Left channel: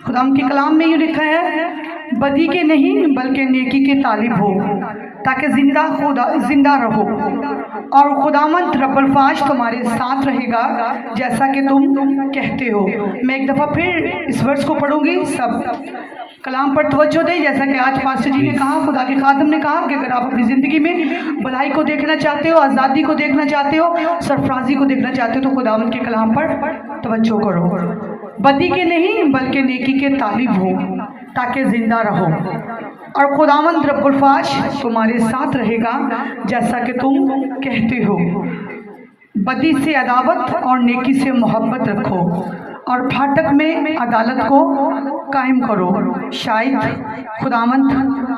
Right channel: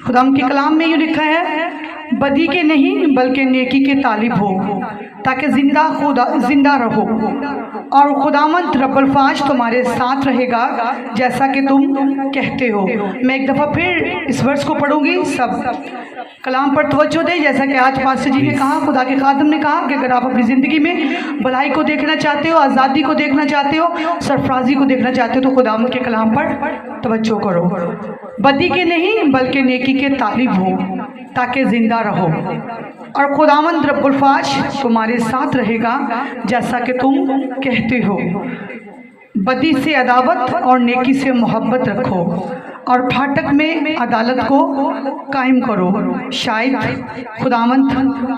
खुदा के कलाम में यूँ लिखा है, बदी के नहीं बल्कि नेकी के तालिब हो ताकि जिंदा रहो, और खुदावंद रब्बुल फाज तुम्हारे साथ रहेगा जैसा कि तुम कहते हो। मैं एक दफ़ा फिर इस वर्ष को पढ़ूंगी, सब कलाम पर तवज्जो दें। जैसा कि आज पास्टर जी ने कहा, खुदा के खादम ने कहा कि अगर आप अपनी ज़िंदगी में भलाई को देखना चाहते हो, आज़ादी को देखना चाहते हो, सरफराजी को देखना चाहते हो, तो खुदावंद के कलाम पर तवज्जो करो। बदी के नहीं बल्कि नेकी के तालिब हो ताकि ज़िंदा रहो, और खुदावंद रब्बुल फाज तुम्हारे साथ रहेगा जैसा कि तुम कहते हो। बदी से अदावत और नेकी से मोहब्बत रखो, और फाटक में अदालत को कायम करो। शायद खुदावंद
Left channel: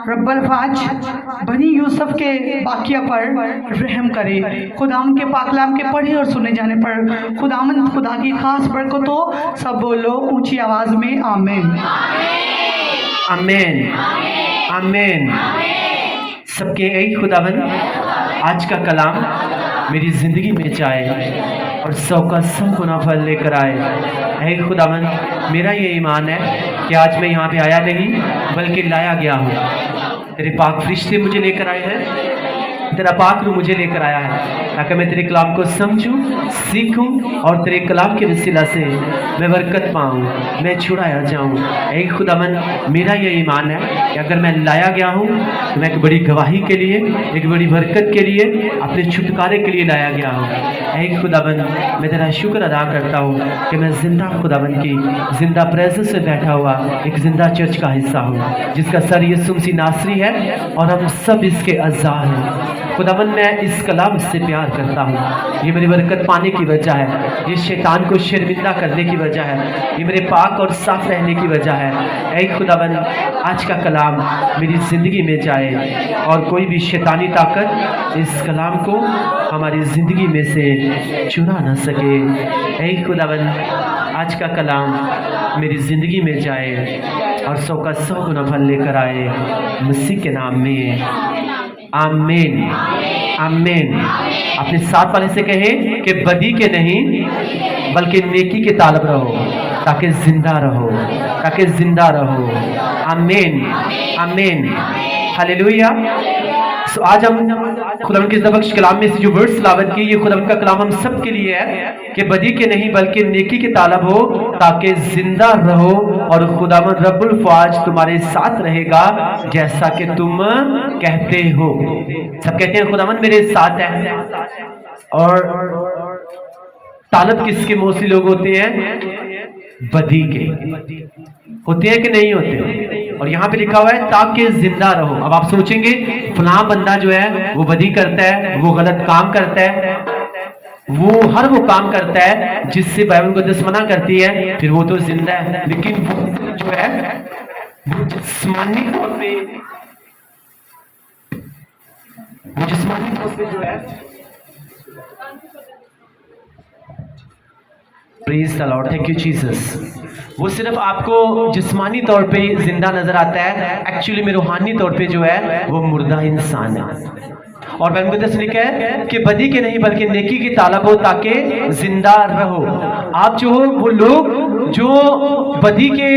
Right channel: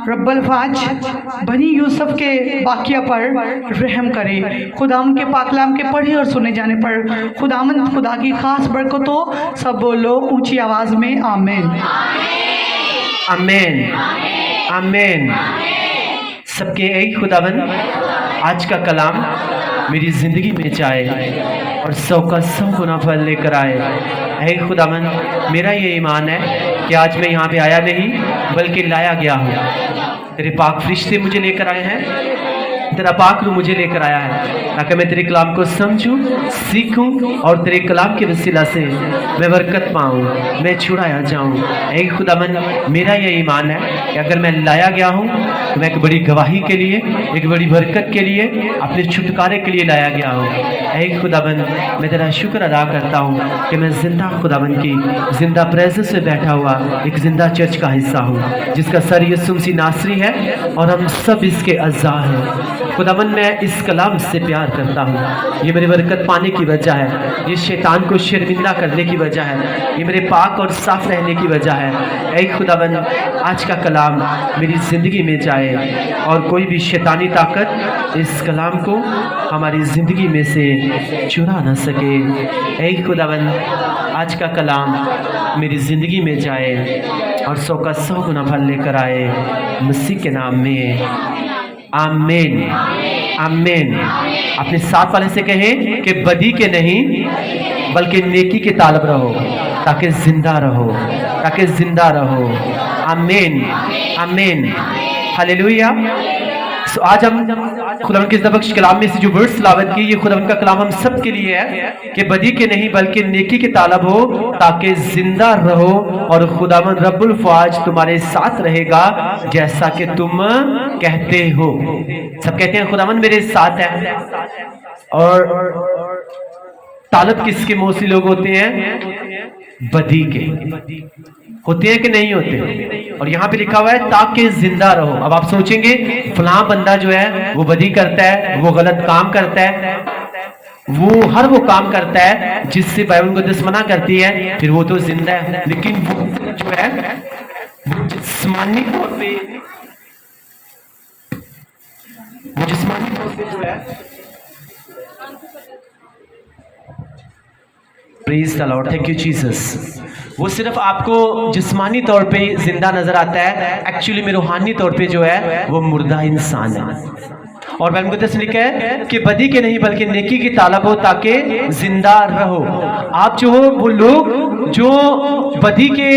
रब्बुल फाज बनी यूसुफ के वाक़या पर रहम करे। खुदावंद के पाकलाम के पढ़े और सुने जाने पर खुदावंद खुदा की खास बरकतों। सब बोलो ऊंची आवाज़ में आमीन। आमीन आमीन। सबके एक खुदावंद आज का कलाम मेरी ज़िंदगी में जाए और 100 का 100 गुना फल लेकर आए। ऐ खुदावंद, मेरा ये ईमान है कि आज मैं यहाँ पे आया नहीं बल्कि लाया गया हूँ। तेरे पाक फरिश्ते मुझे लेकर आए हैं, तेरा पाक रूह मुझे लेकर आया है ताकि मैं तेरे कलाम को समझूं, सीखूं और तेरे कलाम के वसीला से मैं बरकत पाऊं, मैं छुड़ाया जाऊं। ऐ खुदावंद, मेरा ये ईमान है कि अगर मैं लाया गया हूं तो मैं एक बड़ी गवाही के लिए, एक बड़ी बरकत के लिए, अपने छुटकारे के लिए लाया गया हूं। ऐ खुदावंद, मैं तेरा शुक्र अदा करता हूँ कि मैं जिंदा खुदावंद की जिंदा प्रेजेंस में बैठा हुआ एक जिंदा चर्च का हिस्सा हूँ, जिसका सर यीशु मसीह नासरी है और हम सब इसके अज़ा हैं। खुदावंद, मैं इस कलाम से प्यार करता हूँ। ये मेरी बरकत पाने की वजह है, ये शैतान को शर्मिंदा करने की वजह है, ये मेरे पाक और साफ रहने की वजह है। ऐ खुदावंद, आज का कलाम मेरी ज़िंदगी में जाए और कोई भी शैतानी ताकत इस कलाम को हमारी ज़िंदगी में से चुरा न सके। ऐ खुदावंद, आज का कलाम मेरी ज़िंदगी में जाए और 100 का 100 गुना फल लेकर आए, मसीह के नाम में आमीन आमीन। अपने साथ वाले से कहें कि बदी के नहीं बल्कि नेकी के तालब रहो ताकि जिंदा रहो, ताकि जिंदा रहो। आमीन आमीन, हालेलुया। सो आज हम खुदावंद के ज़बक्श कलाम में से जो वर्ड्स तिलावत की, ये खुदावंद का कलाम हम सब के लिए है कि बदी के नहीं बल्कि नेकी के तालब हो ताकि जिंदा रहो, और खुदावंद रब्बुल फाज तुम्हारे साथ रहेगा जैसा कि तुम कहते हो। सब कहते हैं खुदावंद मेरे साथ है। और तालब किसके मोस्टली लोग होते हैं? बदी के होते हैं कि नहीं होते? और यहाँ पे लिखा हुआ है ताकि जिंदा रहो। अब आप सोचेंगे फलां बंदा जो है वो बदी करता है, वो गलत काम करता है, वो हर वो काम करता है जिससे बाइबल मुकद्दस मना करती है, फिर वो तो जिंदा है। लेकिन वो जो है वो जिस्मानी तौर पे जो है, praise the Lord, thank you Jesus, वो सिर्फ आपको जिस्मानी तौर पे जिंदा नजर आता है, एक्चुअली में रूहानी तौर पे जो है वो मुर्दा इंसान है। और बाइबल मुकद्दस में लिखा है कि बदी के नहीं बल्कि नेकी की तालब हो ताकि जिंदा रहो। आप जो हो वो लोग जो बदी के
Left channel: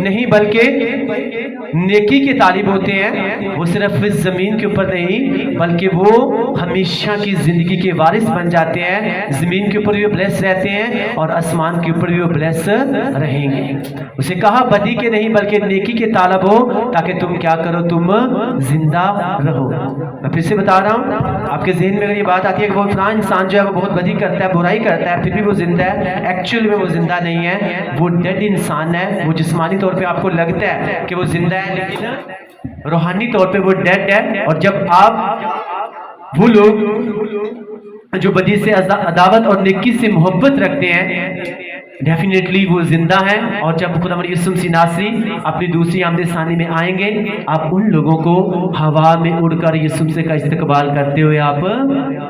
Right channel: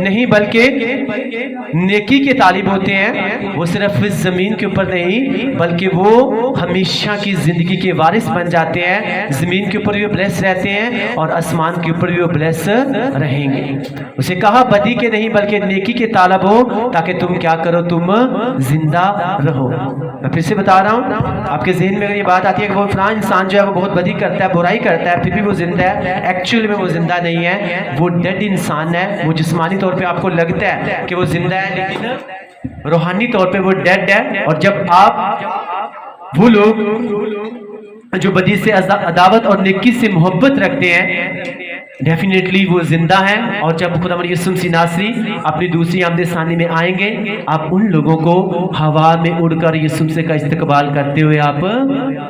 नहीं बल्कि नेकी के तालिब होते हैं, वो सिर्फ इस जमीन के ऊपर नहीं बल्कि वो हमेशा की जिंदगी के वारिस बन जाते हैं। जमीन के ऊपर भी वो ब्लेस रहते हैं और आसमान के ऊपर भी वो ब्लेस रहेंगे। उसे कहा बदी के नहीं बल्कि नेकी के तालब हो ताकि तुम क्या करो, तुम जिंदा रहो। मैं फिर से बता रहा हूँ, आपके जहन में अगर ये बात आती है कि वो फलां इंसान जो है वो बहुत बदी करता है, बुराई करता है, फिर भी वो जिंदा है, एक्चुअली में वो जिंदा नहीं है, वो डेड इंसान है। वो जिस्मानी तौर पे आपको लगता है कि वो जिंदा है, लेकिन रूहानी तौर पे वो डेड है। और जब आप वो लोग जो बदी से अदावत और नेकी से मोहब्बत रखते हैं, डेफिनेटली वो जिंदा है। और जब खुदा यीशु मसीह नासरी अपनी दूसरी आमद सानी में आएंगे, आप उन लोगों को हवा में उड़कर यीशु मसीह का इस्तकबाल करते हुए आप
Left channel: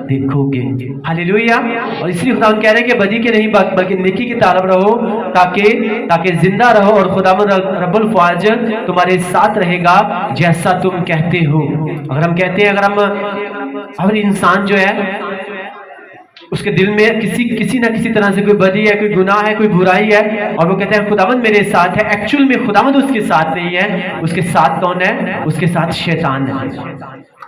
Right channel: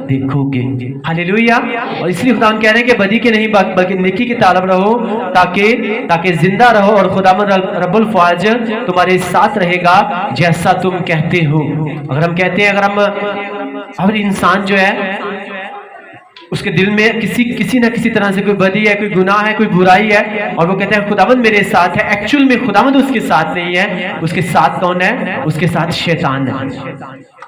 देखोगे। हालेलुया। और इसलिए खुदा कह रहे हैं कि बदी के नहीं बल्कि नेकी की तालब रहो ताकि जिंदा रहो, और खुदा रब्बुल फाज तुम्हारे साथ रहेगा जैसा तुम कहते हो। अगर हम कहते हैं, अगर इंसान जो है اس کے دل میں کسی نہ کسی طرح سے کوئی بدی ہے, کوئی گناہ ہے, کوئی برائی ہے, اور وہ کہتے ہیں خداوند میرے ساتھ ہے. ایکچول میں خداوند اس کے ساتھ نہیں ہے. اس کے ساتھ کون ہے؟ اس کے ساتھ شیطان ہے.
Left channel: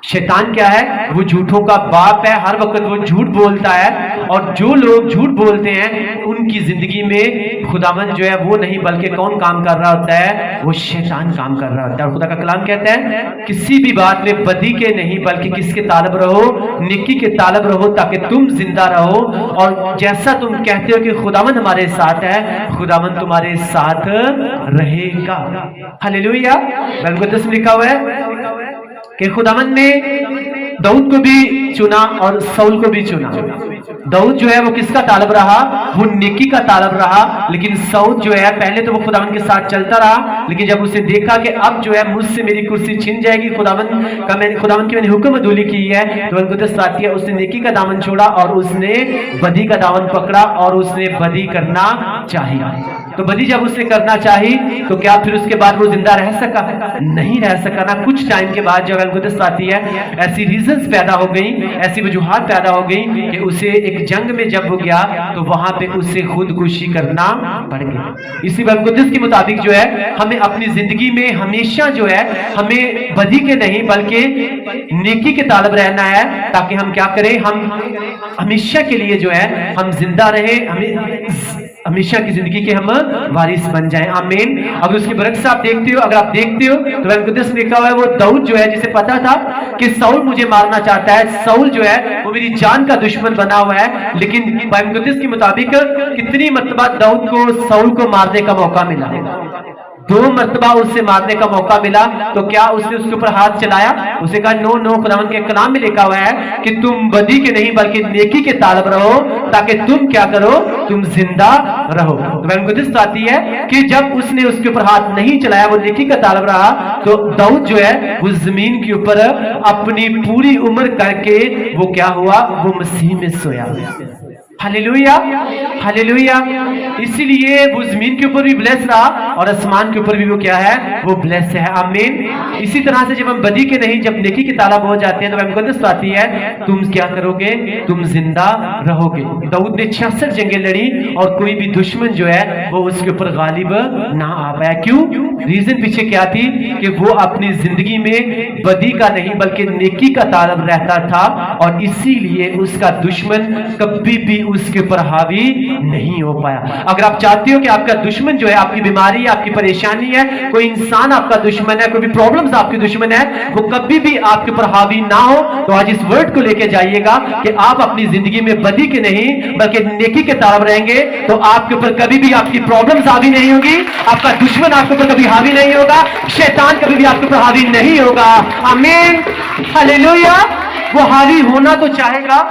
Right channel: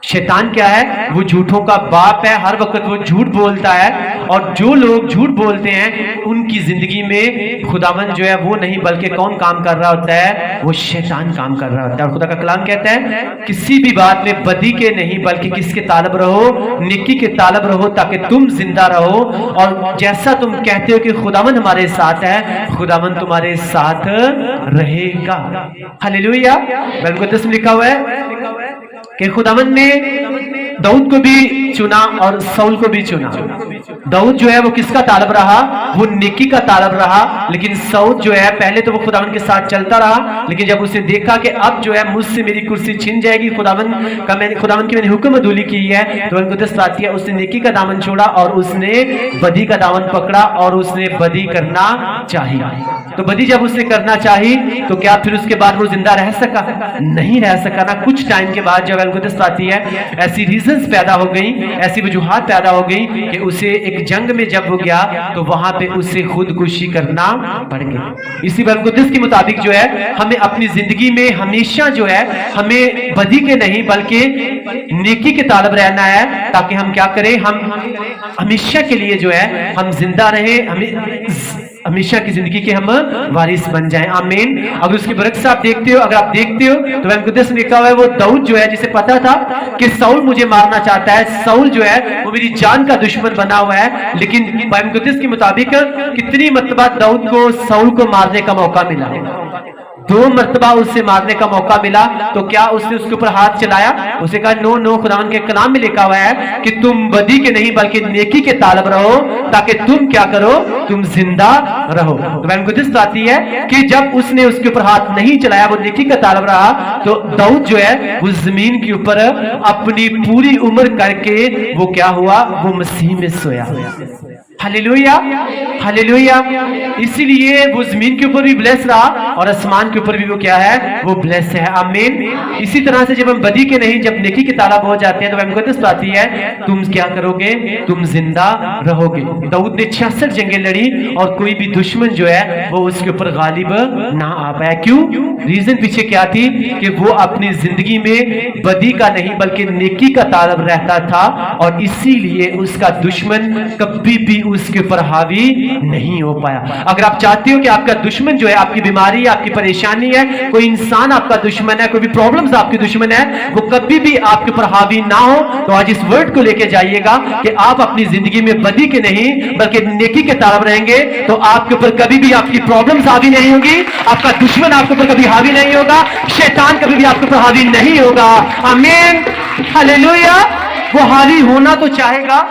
شیطان کیا ہے؟ وہ جھوٹوں کا باپ ہے. ہر وقت وہ جھوٹ بولتا ہے, اور جو لوگ جھوٹ بولتے ہیں ان کی زندگی میں خداوند جو ہے وہ نہیں بلکہ کون کام کر رہا ہوتا ہے؟ وہ شیطان کام کر رہا ہوتا ہے. اور خدا کا کلام کہتا ہے کسی بھی بات میں بدی کے نہیں بلکہ کس کے طالب رہو؟ نیکی کے طالب رہو, تاکہ تم زندہ رہو. اور جیسا تم کہتے ہو کہ خداوند ہمارے ساتھ ہے, خداوند تمہارے ساتھ رہے گا. ہلیلویا. بائبل مقدس میں لکھا ہوا ہے کہ خداوند نے داؤد کو بھی چنا اور سول کو بھی چنا. داؤد جو ہے وہ کس کا طالب رہا؟ وہ نیکی کا طالب رہا. لیکن سول جو ہے پہلے تو وہ خداوند کے ساتھ چلتا رہا, لیکن جب اسے دیکھا کہ اب جو ہے مجھ سے میری کرسی چھن جائے گی, خداوند کی میں نے حکم عدولی کی ہے, تو ان کو آتی ہے, اس نے نیکی کا دامن چھوڑا اور اس نے بدی کا دامن پکڑا اور اس نے بدی کرنا چاہی. تو بدی جب اس نے کرنا چاہی تو کیا پھر اس کے بعد وہ زندہ رہ سکا؟ نہیں رہ سکا نا. کچھ ٹائم کے بعد جب القدس آتی ہے ایسی ریزنز پیدا ہو گئی, ایسی وجوہات پیدا ہو گئی کہ اسے ایک جنگ میں جب وہ گیا تو وہاں پہ اسے خودکشی کرنا پڑ گئی. اسی القدس کے مطابق جو ہے ہمیں اپنی زندگی میں ہمیشہ جو ہے ہمیں بدی کے نہیں بلکہ نیکی کے طالب رہنا ہے, تاکہ ہم کیا کریں؟ ہم ہمیشہ کے لیے جو ہے ہم زندہ رہیں, ہمیشہ کی زندگی کے ہم وارث بن جائیں. آمین. اگر اس کے برعکس آپ دیکھتے ہو, اگر آپ دیکھتے ہو تو بائبل مقدس میں لکھا ہوا ہے وہ داؤد جو ہے جسے پتا تھا کہ سول مجھے مارنا چاہتا ہے, سول جو ہے وہ میری جان کا دشمن بنا ہوا ہے, لیکن بائبل مقدس کے مطابق کتنی مرتبہ داؤد کو سول کو مارنے کا موقع ملا؟ 2 مرتبہ اس سے مارنے کا موقع ملا. تو کیا اس نے اس کے اوپر ہاتھ چلایا؟ اسے کہا نو, خداوند کے کلام میں لکھا ہوا ہے کہ تم بدی کے نہیں بلکہ نیکی کے طالب رہو, تاکہ تم کیا کرو؟ تم زندہ رہو. تو بائبل مقدس آتی ہے کہ جب اس نے اس کے اوپر ہاتھ نہیں چلایا, وہ نیکی کا طالب رہا, تو داؤد جو ہے وہ زمین کے اوپر اپنی پوری عمر کر کے وہ کیا ہوا؟ وہ مسیح میں سویا. ہلیلویا, ہلیلویا. اسی لیے وہ زمین کے اوپر بھی بلیس رہا اور آسمان کے اوپر بھی وہ کیا ہے؟ وہ بلیس ہے. آمین. اسی طرح سے جب ہم بدی کے نہیں جب نیکی کے طالب ہو جاتے ہیں تو بائبل مقدس آتی ہے تم کیا کرو گے؟ تم زندہ رہو گے. داؤد نے 66 جنگیں لڑی اور کوئی بھی دشمن جو ہے وہ اس کے اوپر غالب نہ آ پایا. کیوں؟ ریزن پیچھے کیا تھی کہ وہ اپنی زندگی میں بدی کا نہیں بلکہ نیکی کا طالب رہتا تھا, اور اسی لیے اس کا دشمن کبھی بھی اس کے اوپر حاوی نہیں ہو پایا. اگر آپ چاہتے ہو کہ آپ کا دشمن جو ہے, آپ کی بیماری ہے, آپ کی پریشانی ہے, کوئی انسان آپ کا دشمن ہے, کوئی بھی پرابلمز آپ کی دشمن ہے, وہ کبھی بھی آپ کے اوپر حاوی نہ ہو, تو آج اس ورڈ کو لے کے جائیے گا کہ آپ اپنی زندگی میں بدی کے نہیں بلکہ نیکی کے طالب رہیں گے, تو آپ کے اوپر کبھی بھی آپ کی پرابلمز حاوی نہیں ہوگی, آپ کا دشمن آپ کے اوپر کبھی حاوی نہیں ہوگا, شیطان کبھی بھی آپ کے اوپر حاوی نہیں ہوگا. آمین. ہلیلویا. وہ حاوی ہونا تو چاہے گا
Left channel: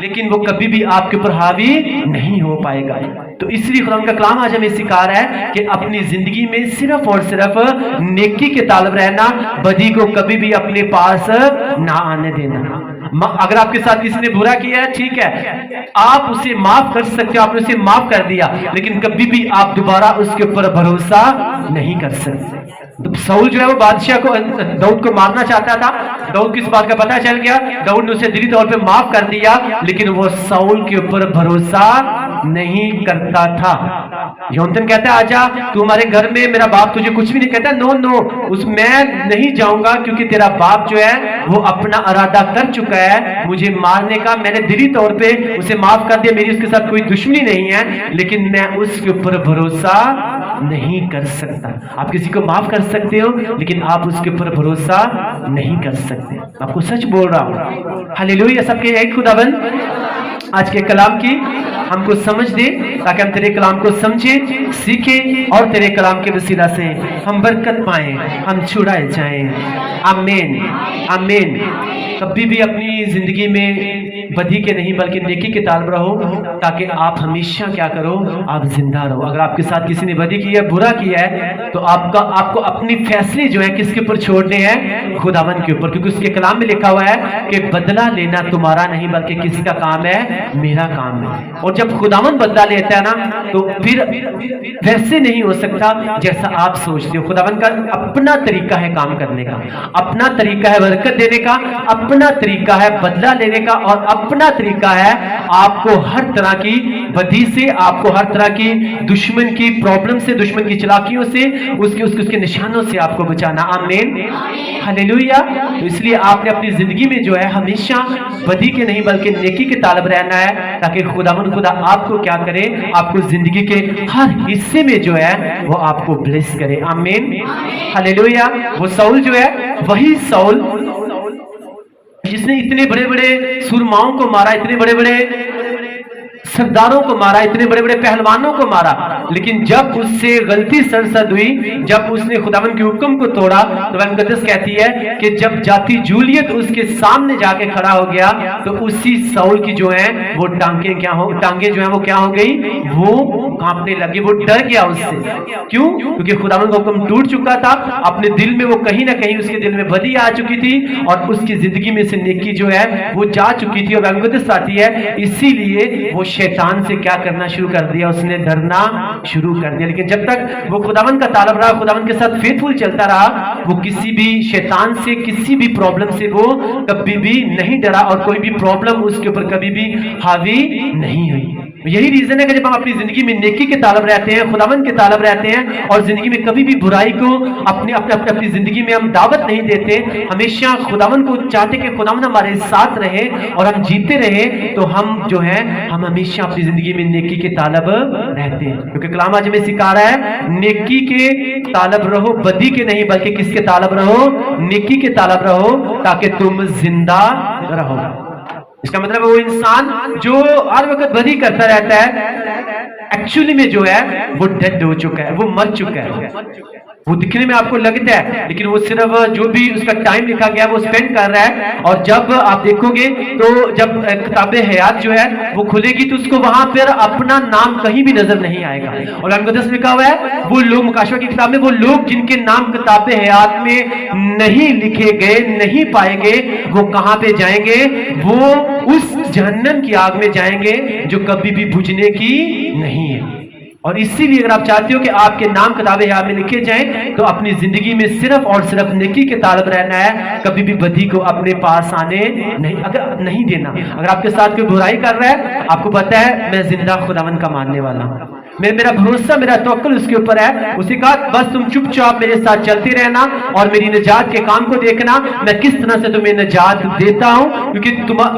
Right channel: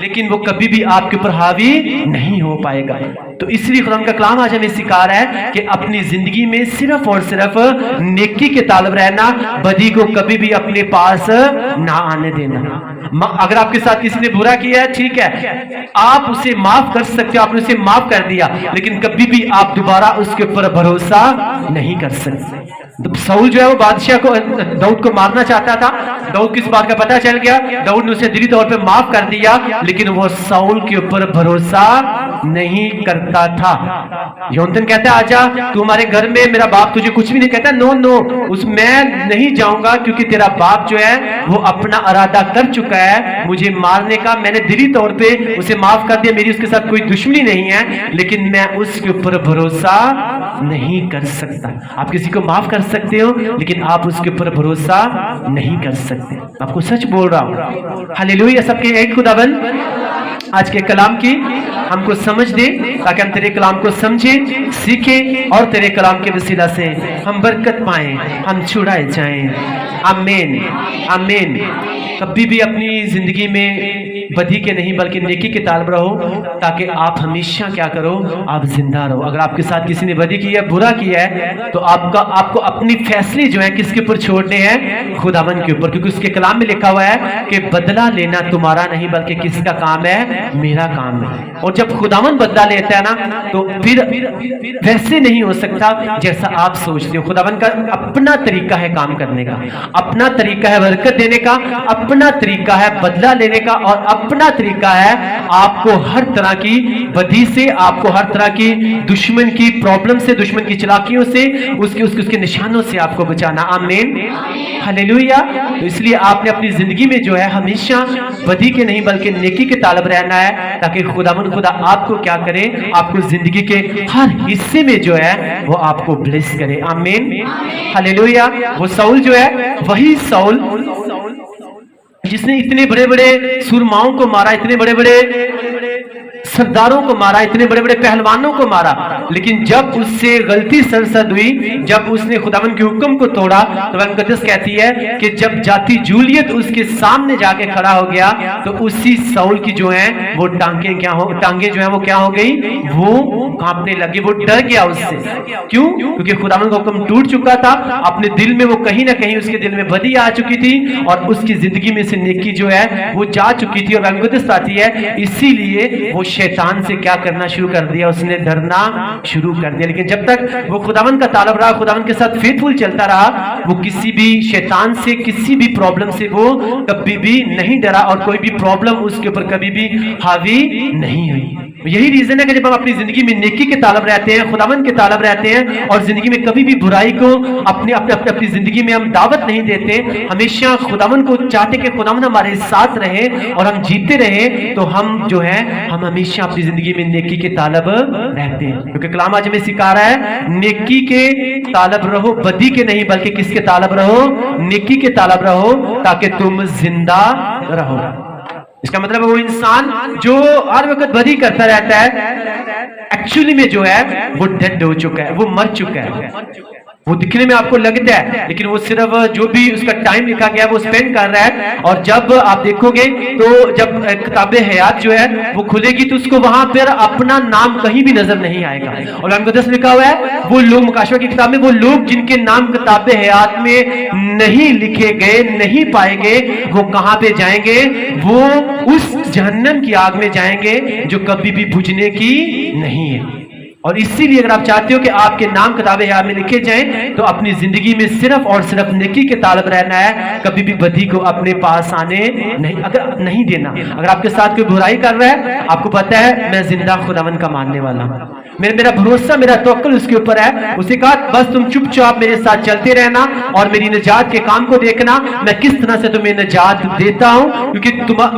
لیکن وہ کبھی بھی آپ کے اوپر حاوی نہیں ہو پائے گا. تو اس لیے خدا کا کلام آج ہمیں سکھا رہا ہے کہ اپنی زندگی میں صرف اور صرف نیکی کے طالب رہنا, بدی کو کبھی بھی اپنے پاس نہ آنے دینا. اگر آپ کے ساتھ کسی نے برا کیا ہے, ٹھیک ہے, آپ اسے معاف کر سکتے ہو, آپ نے اسے معاف کر دیا, لیکن کبھی بھی آپ دوبارہ اس کے اوپر بھروسہ نہیں کر سکتے. سول جو ہے وہ بادشاہ کو, داؤد کو مارنا چاہتا تھا. داؤد کس بات کا پتہ چل گیا, داؤد نے اسے دلی طور پہ معاف کر دیا, لیکن وہ سول کے اوپر بھروسہ نہیں کرتا تھا. یونتن کہتا ہے آجا تو ہمارے گھر میں, میرا باپ تجھے کچھ بھی نہیں کہتا. نو, اس میں نہیں جاؤں گا کیونکہ تیرا باپ جو ہے وہ اپنا ارادہ کر چکا ہے مجھے مارنے کا. میں نے دلی طور پہ اسے معاف کر دیا, میری اس کے ساتھ کوئی دشمنی نہیں ہے, لیکن میں اس کے اوپر بھروسہ نہیں کر سکتا. آپ کسی کو معاف کر سکتے ہو لیکن آپ اس کے اوپر بھروسہ نہیں کر سکتے. آپ کو سچ بول رہا ہوں. ہلیلویا. سب کے ایک خداوند آج کے کلام کی ہم کو سمجھ دے تاکہ ہم تیرے کلام کو سمجھیں, سیکھیں, اور تیرے کلام کے وسیلہ سے ہم برکت پائیں, ہم چھڑائے جائیں. آمین, آمین. کبھی بھی اپنی زندگی میں بدی کے نہیں بلکہ نیکی کے طالب رہو, تاکہ آپ ہمیشہ کیا کرو؟ آپ زندہ رہو. اگر آپ کے ساتھ کسی نے بدی کی ہے, برا کیا ہے, تو آپ کو اپنی فیصلے جو ہے کس کے اوپر چھوڑنے ہیں؟ خداوند کے اوپر, کیونکہ اس کے کلام میں لکھا ہوا ہے کہ بدلہ لینا تمہارا نہیں بلکہ کس کا کام ہے؟ میرا کام ہے. اور जब खुदावन बदला लेता है ना तो फिर वैसे नहीं हो सकता जैसा आप सोचते हो। खुदावन का अपना तरीका है काम करने का, अपना तरीका है बरकत देने का, अपना तरीका है बदला लेने का, और अपना तरीका है आपको हर तरह की बदी से, आपको हर तरह की दुश्मन की प्रॉब्लम से, दुश्मन की चालाकियों से, उसके निशानों से आपको बचाना। आमीन, हालेलुया। तो इसलिए आपने अपनी जिंदगी में जो है हमेशा बदी के नहीं बल्कि नेकी के तालब रहना है, ताकि खुदा आपको क्या करे, आपको जिंदगी के हर हिस्से में जो है वो आपको ब्लेस करे। आमीन, हालेलुया। वो साउल जो है वही साउल जिसने इतने बड़े बड़े सुरमाओं को मारा, इतने बड़े बड़े सरदारों को मारा, इतने बड़े बड़े पहलवानों को मारा, लेकिन जब उससे गलती सरसद हुई, जब उसने खुदावन के हुक्म को तोड़ा, तो मुकद्दस कहती है कि जब जाती जूलियत उसके सामने जाके खड़ा हो गया तो उसी साउल की जो है वो टांगे जो है वो क्या हो गई, वो कांपने लगी, वो डर गया उससे। क्यों? क्योंकि खुदावन का हुक्म टूट चुका था, अपने दिल में वो कहीं ना कहीं उसके दिल में बदी आ चुकी थी और उसकी जिंदगी में से नेकी जो है वो जा चुकी थी। और मुकद्दस आती है इसीलिए वो शैतान से क्या करना शुरू कर दिया, उसने डरना शुरू कर दिया। लेकिन जब तक वो खुदावन का तालब रहा, खुदावन के साथ फेथफुल चलता रहा, वो किसी भी शैतान से, किसी भी प्रॉब्लम से वो कभी भी नहीं डरा और कोई भी प्रॉब्लम उसके ऊपर कभी भी हावी नहीं हुई। यही रीजन है कि जब हम अपनी जिंदगी में नेकी के तालब रहते हैं, खुदावन के तालब रहते हैं और जिंदगी में कभी भी बुराई को अपनी जिंदगी में हम दावत नहीं देते, हमेशा खुदावन को चाहते कि खुदावन हमारे साथ रहे और हम जीते रहे, तो हम जो है हम हमेशा अपनी जिंदगी में नेकी के तालब रहते हैं। क्योंकि कलाम आज हमें सिखा रहा है नेकी के तालब रहो, बदी के नहीं बल्कि किसके तालब रहो, नेकी के तालब रहो, ताकि तुम जिंदा रहो। इसका मतलब वो इंसान जो हर वक्त बदी करता रहता है, एक्चुअली में जो है वो डेड हो चुका है, वो मर चुका है। वो दिखने में आपको लगता है, लेकिन वो सिर्फ जो भी उसका टाइम लिखा गया वो स्पेंड कर रहा है। और जब आप देखोगे तो जब किताब हयात जो है वो खुलेगी तो उसको वहां पर अपना नाम कहीं भी नजर नहीं आएगा। और मुकद्दस लिखा हुआ है वो लोग, मुकाशवा की किताब में, वो लोग जिनके नाम किताब हयात में नहीं लिखे गए, नहीं पाए गए, वो कहां पे जाएंगे? वो उस जहन्नम की आग में जाएंगे जो कभी भी बुझने की नहीं है। और इसीलिए अगर आप चाहते हो कि आपके नाम किताब हयात में लिखे जाएं, तो अपनी जिंदगी में सिर्फ और सिर्फ नेकी के तालब रहना है, कभी भी बदी को अपने पास आने नहीं देना। अगर आपके साथ कोई बुराई कर रहा है, आपको पता है मैं जिंदा खुदावन का मानने वाला हूं, मेरा भरोसा, मेरा तवक्कुल उसके ऊपर है। उसे कहा बस तुम चुपचाप मेरे साथ चलते रहना और मेरी निजात के काम को देखना, मैं किस तरह से तुम्हें निजात देता हूं। क्योंकि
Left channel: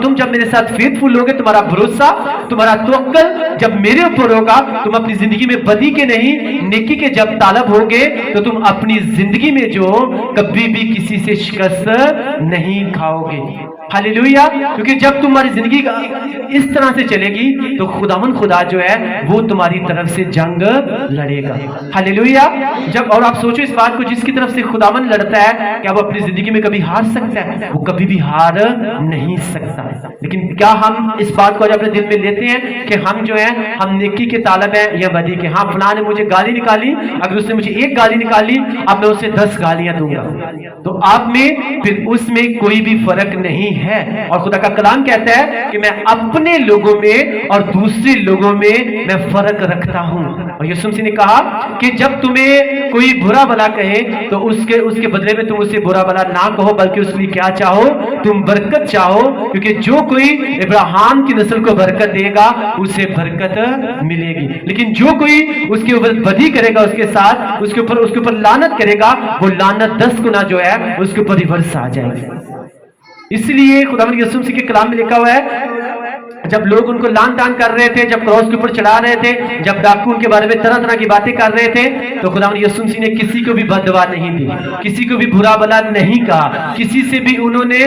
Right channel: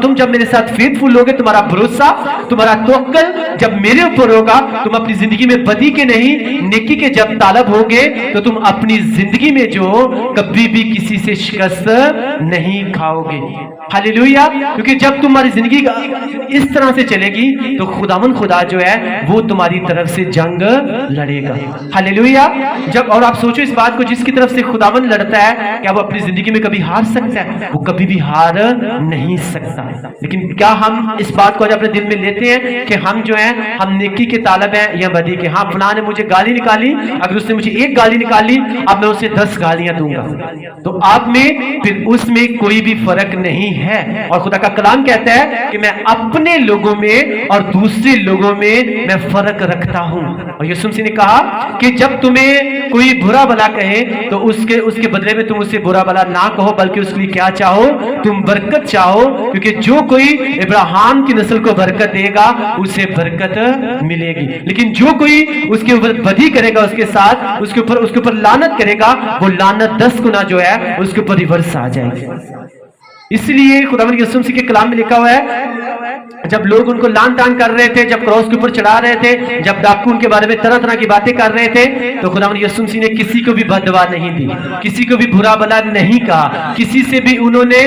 तुम जब मेरे साथ फेथफुल होगे, तुम्हारा भरोसा, तुम्हारा तवक्कुल जब मेरे ऊपर होगा, तुम अपनी जिंदगी में बदी के नहीं नेकी के जब तालब होगे, तो तुम अपनी जिंदगी में जो कभी भी किसी से शिकस्त नहीं खाओगे। हालेलुया। क्योंकि जब तुम्हारी जिंदगी इस तरह से चलेगी तो खुदावन खुदा जो है वो तुम्हारी तरफ से जंग लड़ेगा। हालेलुया। जब और आप सोचो इस बात को, जिसकी तरफ से खुदावन लड़ता है, क्या वो अपनी जिंदगी में कभी हार सकता है? वो कभी भी हार नहीं सकता। लेकिन क्या हम इस बात को आज अपने दिल में लेते हैं कि हम जो है हम नेकी के तालब है या बदी के? हाँ, फलां ने मुझे गाली निकाली, अगर उसने मुझे एक गाली निकाली, अब मैं उसे 10 गालियां दूंगा, तो आप में फिर उसमें कोई भी फर्क नहीं है। और खुदा का कलाम कहता है कि मैं अपने लोगों में और दूसरे लोगों में मैं फर्क रखता हूं। और यीशु मसीह ने कहा कि जब तुम्हें कोई बुरा भला कहे तो उसके बदले में तुम उसे बुरा भला ना कहो, बल्कि उसके लिए क्या चाहो? तुम बरकत चाहो। क्योंकि जो कोई इब्राहिम की नस्ल को बरकत देगा उसे बरकत मिलेगी, लेकिन जो कोई उसके ऊपर बदी करेगा, उसके साथ उसके ऊपर लानत करेगा, वो लानत 10 गुना जो है उसके ऊपर रिवर्स आ जाएगी। इसलिए खुदावंद यीशु मसीह के कलाम में लिखा हुआ है, जब लोग उनको लान तान कर रहे थे, जब क्रॉस के ऊपर चढ़ा रहे थे, जब डाकू उनके बारे में तरह तरह की बातें कर रहे थे, तो खुदावंद यीशु मसीह ने किसी को भी बददुआ नहीं दी, किसी को भी बुरा भला नहीं कहा, किसी से भी उन्होंने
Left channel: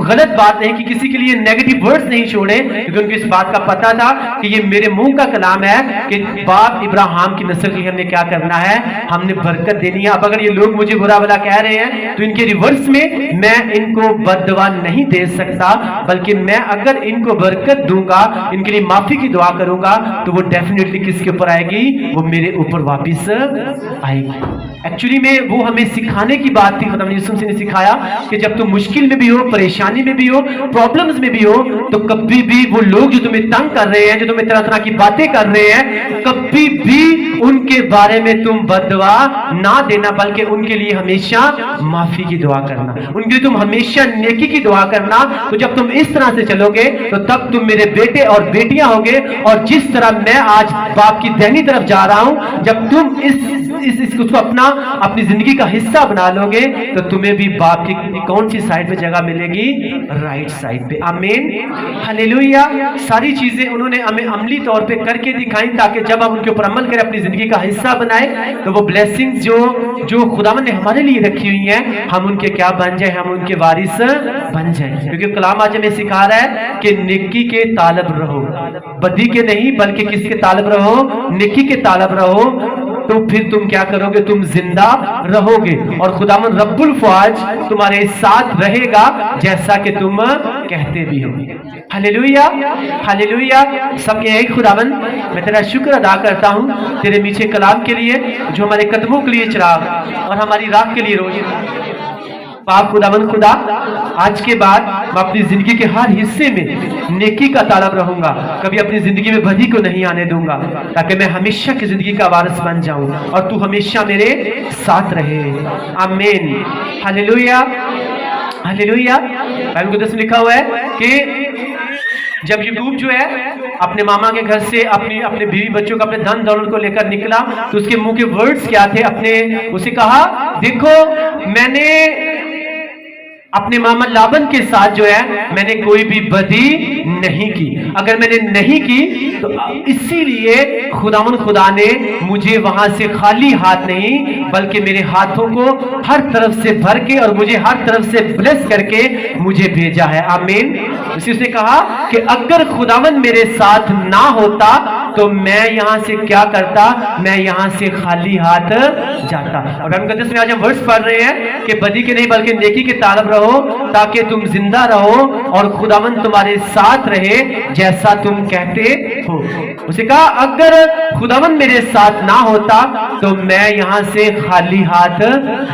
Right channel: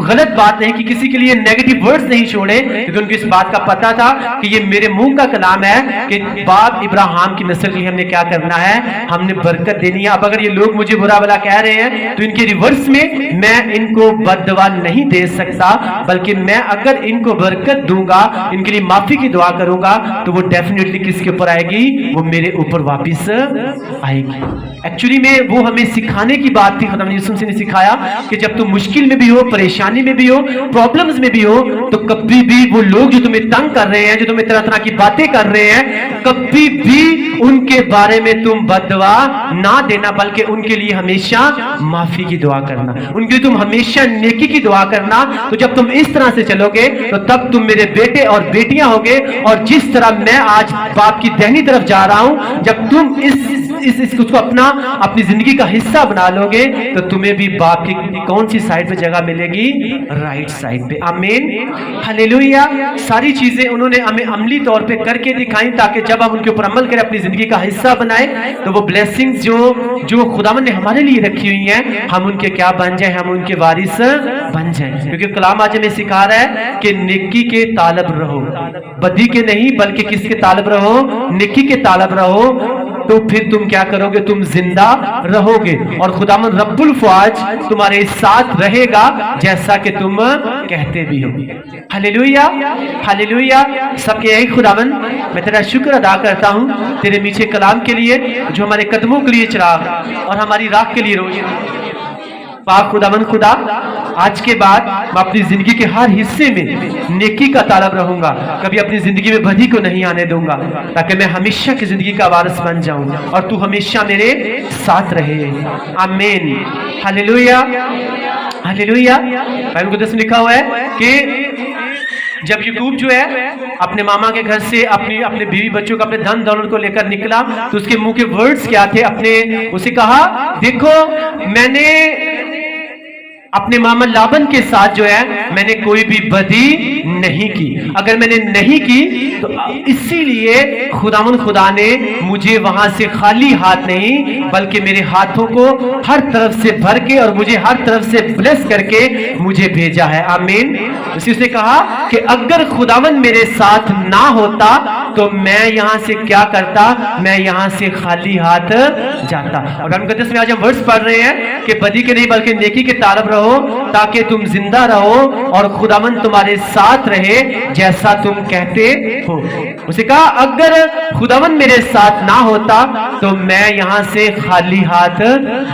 गलत बात नहीं की, किसी के लिए नेगेटिव वर्ड्स नहीं छोड़े, क्योंकि उनको इस बात का पता था कि ये मेरे मुंह का कलाम है कि बाप इब्राहिम की नस्ल की हमने क्या करना है, हमने बरकत देनी है। अब अगर ये लोग मुझे बुरा भला कह रहे हैं तो इनके रिवर्स में मैं इनको बददुआ नहीं दे सकता, बल्कि मैं अगर इनको बरकत दूंगा, इनके लिए माफी की दुआ करूंगा, तो वो डेफिनेटली किसके ऊपर आएगी? वो मेरे ऊपर वापस आएगी। एक्चुअली में वो हमें सिखाने की बात थी। खुदावंद यीशु मसीह ने सिखाया कि जब तुम मुश्किल में भी हो, परेशानी में भी हो, प्रॉब्लम्स में भी हो, तो कभी भी वो लोग जो तुम्हें तंग कर रहे हैं, जो तुम्हें तरह तरह की बातें कर रहे हैं, कभी भी उनके बारे में तुम बददुआ ना देना, बल्कि उनके लिए हमेशा माफी की दुआ करना, उनके लिए तुम हमेशा नेकी की दुआ करना। तो जब तुम इस तरह से चलोगे तो तब तुम मेरे बेटे और बेटियां होगे। और जिस तरह मैं आज बाप की दाहिनी तरफ जा रहा हूं, जब तुम इसको अपनी जिंदगी का हिस्सा बना लोगे तो तुम्हें भी बाप की कौन सी साइड पे जगह मिलेगी? राइट साइड पे। आमीन, हालेलुया। सारी चीजें उन्होंने हमें अमली तौर पे करके दिखाई, ताकि जब हम उनके ऊपर अमल करें, अपनी जिंदगी का हिस्सा बनाए, तो वो ब्लेसिंग्स जो खुदावन ने हमारे लिए रखी हुई हैं, हम उनके क्या बन जाए? हम उनके वारिस बन जाए। क्योंकि कलाम आज हमें सिखा रहा है कि नेकी के तालब रहो, बदी के नहीं, बल्कि किसके तालब रहो? नेकी के तालब रहो। तो फिर तुम क्या करोगे? तुम जिंदा रहोगे और खुदावंद रब्बुल फ़ौज तुम्हारे साथ रहेगा, जैसा कि तुम कहते भी हो। Hallelujah, hallelujah. सबके एक खुदावंद, मैं तेरा शुक्र अदा करता हूँ तेरे मीठे कलाम के लिए, जो हमारे कदमों के लिए चिराग और हमारी राह के लिए रोशनी। पाक खुदावंद खुदा, आज के बाद मैं अपनी जिंदगी के हर हिस्से में नेकी का तालब रहूंगा, कभी अपनी जिंदगी में बदी को नहीं आने दूंगा, ताकि मैं हमेशा की जिंदगी का वारिस बन जाऊं और तू हमेशा मेरे साथ रहे। आमीन, हालेलुया, हालेलुया। बाइबल कुदस में लिखा हुआ है कि जब याकूब जो है अपने मामा के घर से अपने बीवी बच्चों को, अपने धन दौलत को लेकर निकला, तो उसके मुंह के वर्ड्स क्या थे? उसे कहा, देखो मैंने अपने मामा लाबन के साथ जो है मैंने कोई भी बदी नहीं की। अगर मैंने नहीं की तो इसीलिए खुदा ने मुझे वहां से खाली हाथ नहीं, बल्कि मेरे हाथों को हर तरफ से भर के और मुझे हर तरफ से ब्लेस करके मुझे भेजा है। आमीन। उसने कहा कि अगर खुदावन मेरे साथ ना होता तो मैं यहां से क्या करता? मैं यहां से खाली हाथ जाता। और हम कहते हैं, आज हम वर्ड्स पढ़ रहे हैं कि बदी के नहीं बल्कि नेकी के तालब रहो, ताकि तुम जिंदा रहो और खुदावन तुम्हारे साथ रहे, जैसा तुम कहते हो। उसे कहा, अगर खुदावन मेरे साथ ना होता तो मैं यहां से खाली हाथ